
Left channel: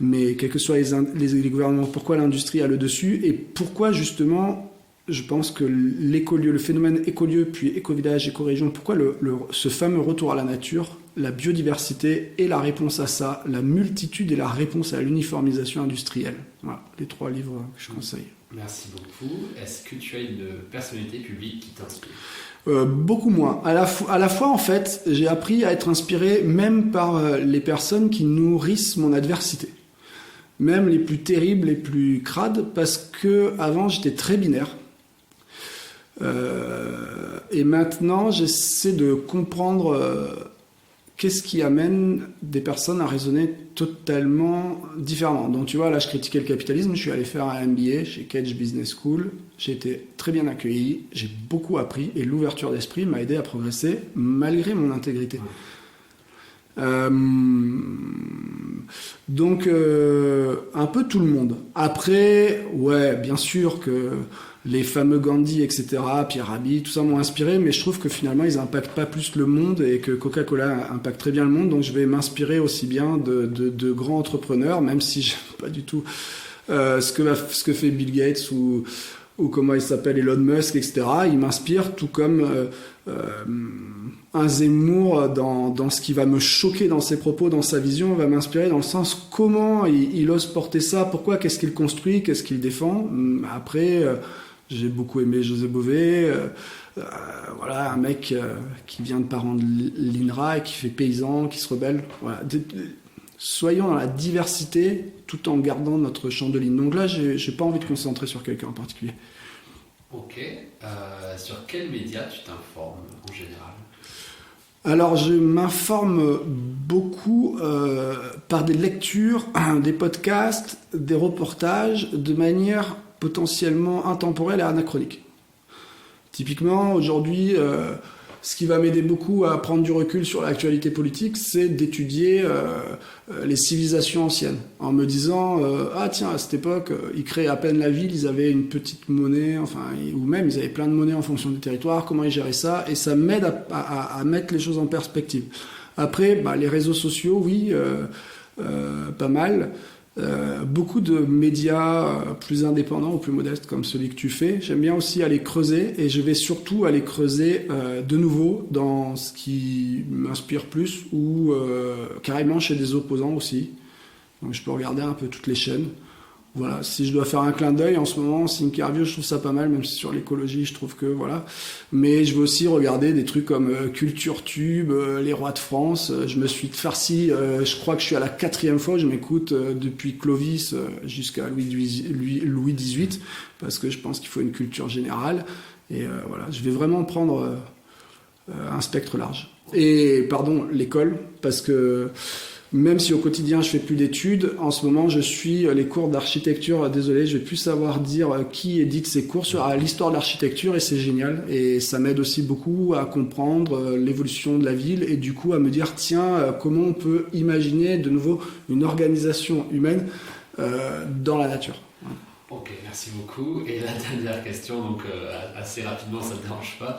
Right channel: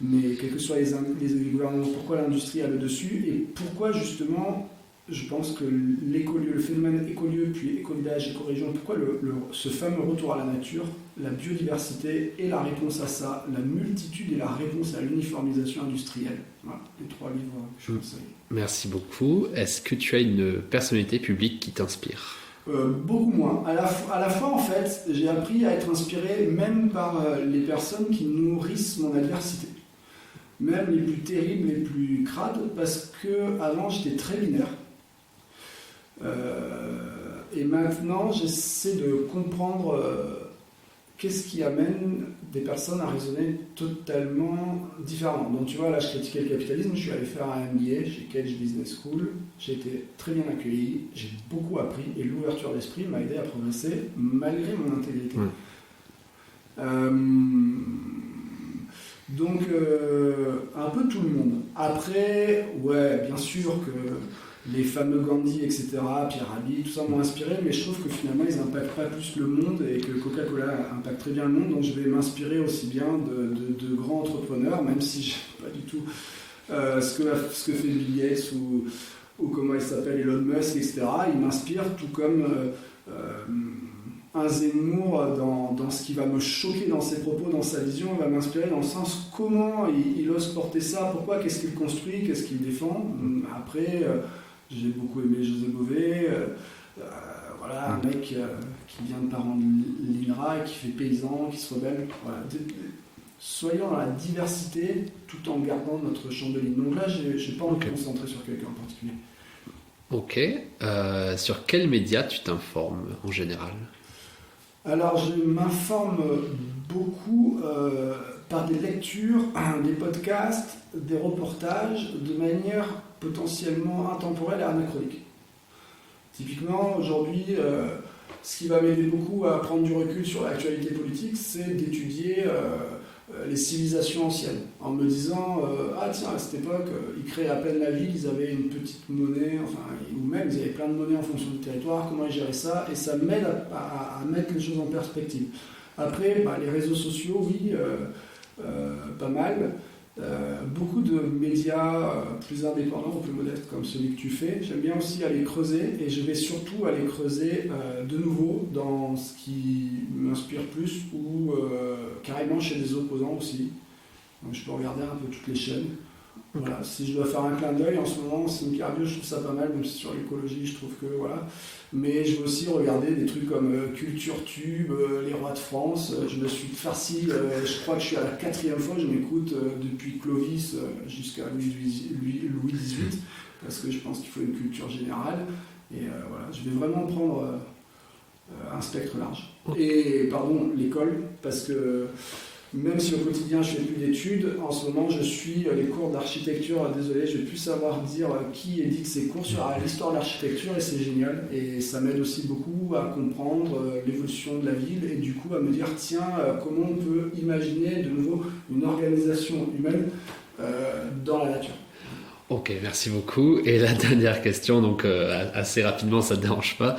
Mais quels que soient les gouvernements, pourquoi l'industrie a le dessus et pourquoi justement, je pense que l'écolieu, le phénomène écolieu, puis éco-village, éco-région, pourquoi ce fameux retour à la nature, la biodiversité et la réponse à ça, la multitude et la réponse à l'uniformisation industrielle. Voilà, les 3 livres que je conseille. Merci beaucoup. Est-ce que tu as une personnalité publique qui t'inspire ? Beaucoup moins. À la fois, en fait, j'ai appris à être inspiré même par les personnes qui nourrissent mon adversité. Même les plus terribles, les plus crades, parce que avant j'étais très binaire. Et maintenant, j'essaie de comprendre qu'est-ce qui amène des personnes à raisonner totalement différemment. Donc tu vois, là je critiquais le capitalisme, je suis allé faire un MBA chez Cage Business School, j'ai été très bien accueilli, j'ai beaucoup appris et l'ouverture d'esprit m'a aidé à progresser malgré mon intégrité. Donc un peu tout le monde. Après, ouais, bien sûr que les fameux Gandhi, etc., Pierre Rabhi, tout ça m'ont inspiré, mais je trouve que finalement ils n'impactent pas plus le monde et que Coca-Cola impacte très bien le monde, donc je vais m'inspirer aussi bien de grands entrepreneurs, même si je n'aime pas du tout ce que fait Bill Gates ou comment il s'appelle Elon Musk, etc. Il m'inspire tout comme un Zemmour dans ce qui va me choquer dans ses propos, dans sa vision, va m'inspirer dans le sens comment il ose porter ça, pourquoi, qu'est-ce qu'il construit, qu'est-ce qu'il défend. Après... j'ai beaucoup aimé José Bové, voilà, un mec qui vient de parents de l'INRA et qui fait paysan, qui se rebelle. Voilà. Soyons dans la diversité tout en gardant notre champ de ligne. Donc là, j'ai pas envie de concentrer sur quelqu'un en particulier. Ok. Sur quels médias tu t'informes en général ? Alors, je m'informe beaucoup par des lectures, des podcasts, des reportages, de manière potentiellement intemporelle et anachronique. Typiquement, aujourd'hui, ce qui va m'aider beaucoup à prendre du recul sur l'actualité politique, c'est d'étudier les civilisations anciennes, en me disant ah tiens, à cette époque, ils créaient à peine la ville, ils avaient une petite monnaie, enfin, ou même ils avaient plein de monnaies en fonction du territoire, comment ils géraient ça, et ça m'aide à mettre les choses en perspective. Après, les réseaux sociaux, oui, pas mal. Beaucoup de médias plus indépendants ou plus modestes comme celui que tu fais. J'aime bien aussi aller creuser, et je vais surtout aller creuser de nouveau dans ce qui m'inspire plus ou carrément chez des opposants aussi. Donc je peux regarder un peu toutes les chaînes. Voilà, si je dois faire un clin d'œil en ce moment, Thinkerview, je trouve ça pas mal, même si sur l'écologie, je trouve que voilà. Mais je vais aussi regarder des trucs comme Culture Tube, Les Rois de France. Je me suis farci, je crois que je suis à la 4e fois, je m'écoute depuis Clovis jusqu'à Louis XVIII, parce que je pense qu'il faut une culture générale. Et voilà, je vais vraiment prendre un spectre large. Et pardon, l'école, parce que... Même si au quotidien je fais plus d'études, en ce moment je suis les cours d'architecture. Désolé, je vais plus savoir dire qui édite ces cours sur l'histoire de l'architecture, et c'est génial. Et ça m'aide aussi beaucoup à comprendre l'évolution de la ville et du coup à me dire tiens, comment on peut imaginer de nouveau une organisation humaine dans la nature. Ok, merci beaucoup. Et la dernière question, donc assez rapidement, ça ne te dérange pas.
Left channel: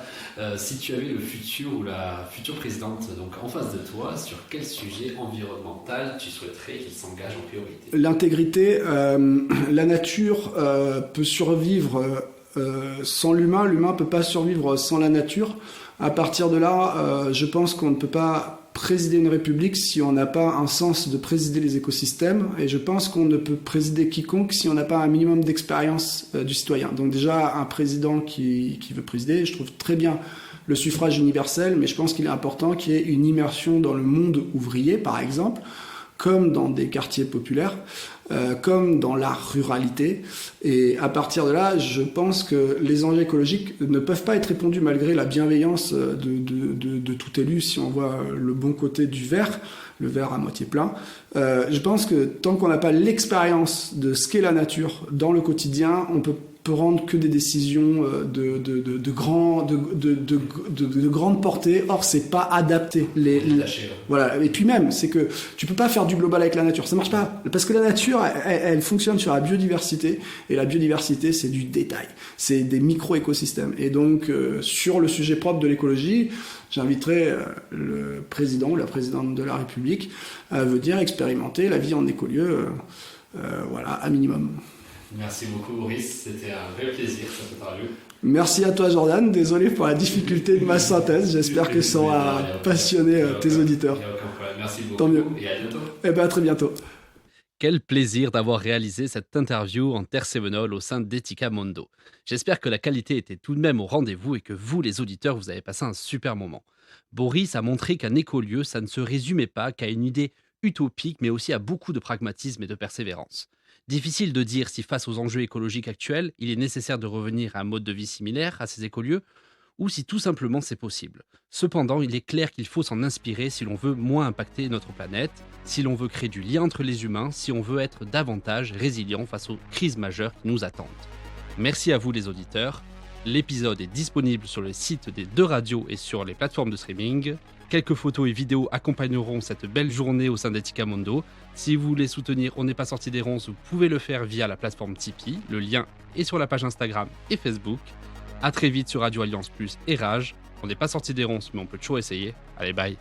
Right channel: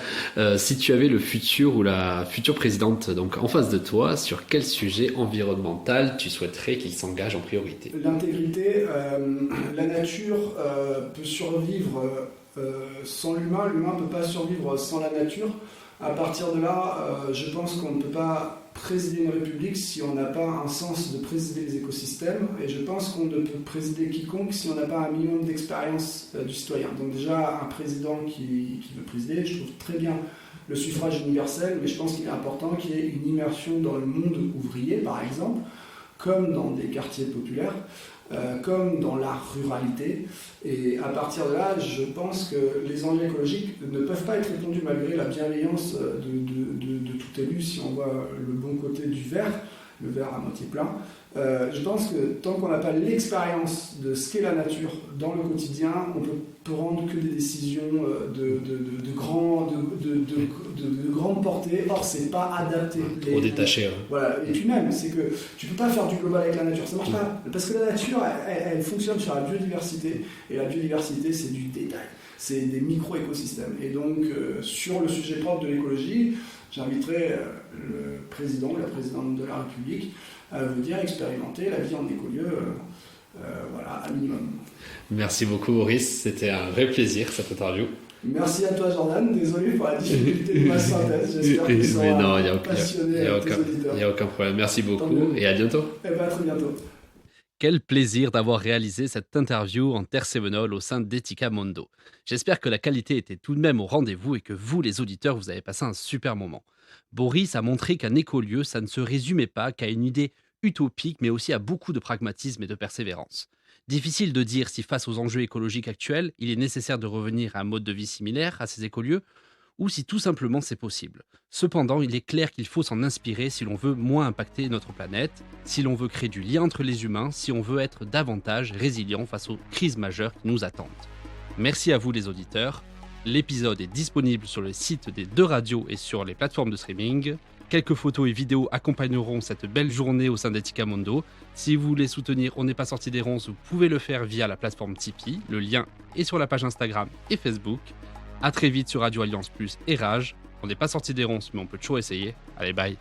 Si tu avais le futur ou la future présidente donc en face de toi, sur quel sujet environnemental tu souhaiterais qu'il s'engage en priorité ? L'intégrité, la nature peut survivre sans l'humain ne peut pas survivre sans la nature. À partir de là, je pense qu'on ne peut pas présider une république si on n'a pas un sens de présider les écosystèmes, et je pense qu'on ne peut présider quiconque si on n'a pas un minimum d'expérience du citoyen. Donc déjà, un président qui veut présider, je trouve très bien le suffrage universel, mais je pense qu'il est important qu'il y ait une immersion dans le monde ouvrier, par exemple, comme dans des quartiers populaires, comme dans la ruralité. Et à partir de là, je pense que les enjeux écologiques ne peuvent pas être répondus malgré la bienveillance de tout élu, si on voit le bon côté du verre, le verre à moitié plein. Je pense que tant qu'on n'a pas l'expérience de ce qu'est la nature dans le quotidien, on peut prendre que des décisions de grande portée. Or, c'est pas adapté. Voilà. Et puis même, c'est que tu peux pas faire du global avec la nature. Ça marche pas. Parce que la nature, elle fonctionne sur la biodiversité. Et la biodiversité, c'est du détail. C'est des micro-écosystèmes. Et donc, sur le sujet propre de l'écologie, j'inviterai le président ou la présidente de la République à venir expérimenter la vie en écolieu, voilà, à minimum. Merci beaucoup, Maurice. C'était un vrai plaisir, cette interview. Merci à toi, Jordan. Désolé pour la difficulté de ma synthèse. J'espère que ça aura passionné tes auditeurs. Il n'y a aucun problème. Merci beaucoup et à bientôt. À très bientôt. Quel plaisir d'avoir réalisé cette interview en Tersevenol au sein d'Etica Mondo. J'espère que la qualité était tout de même au rendez-vous et que vous, les auditeurs, vous avez passé un super moment. Boris a montré qu'un écolieu, ça ne se résumait pas qu'à une idée utopique, mais aussi à beaucoup de pragmatisme et de persévérance. Difficile de dire si face aux enjeux écologiques actuels, il est nécessaire de revenir à un mode de vie similaire à ces écolieux, ou si tout simplement c'est possible. Cependant, il est clair qu'il faut s'en inspirer si l'on veut moins impacter notre planète, si l'on veut créer du lien entre les humains, si on veut être davantage résilient face aux crises majeures qui nous attendent. Merci à vous les auditeurs. L'épisode est disponible sur le site des 2 radios et sur les plateformes de streaming. Quelques photos et vidéos accompagneront cette belle journée au sein d'Etica Mondo. Si vous voulez soutenir On n'est pas sorti des ronces, vous pouvez le faire via la plateforme Tipeee. Le lien est sur la page Instagram et Facebook. A très vite sur Radio Alliance Plus et Rage. On n'est pas sorti des ronces, mais on peut toujours essayer. Allez, bye.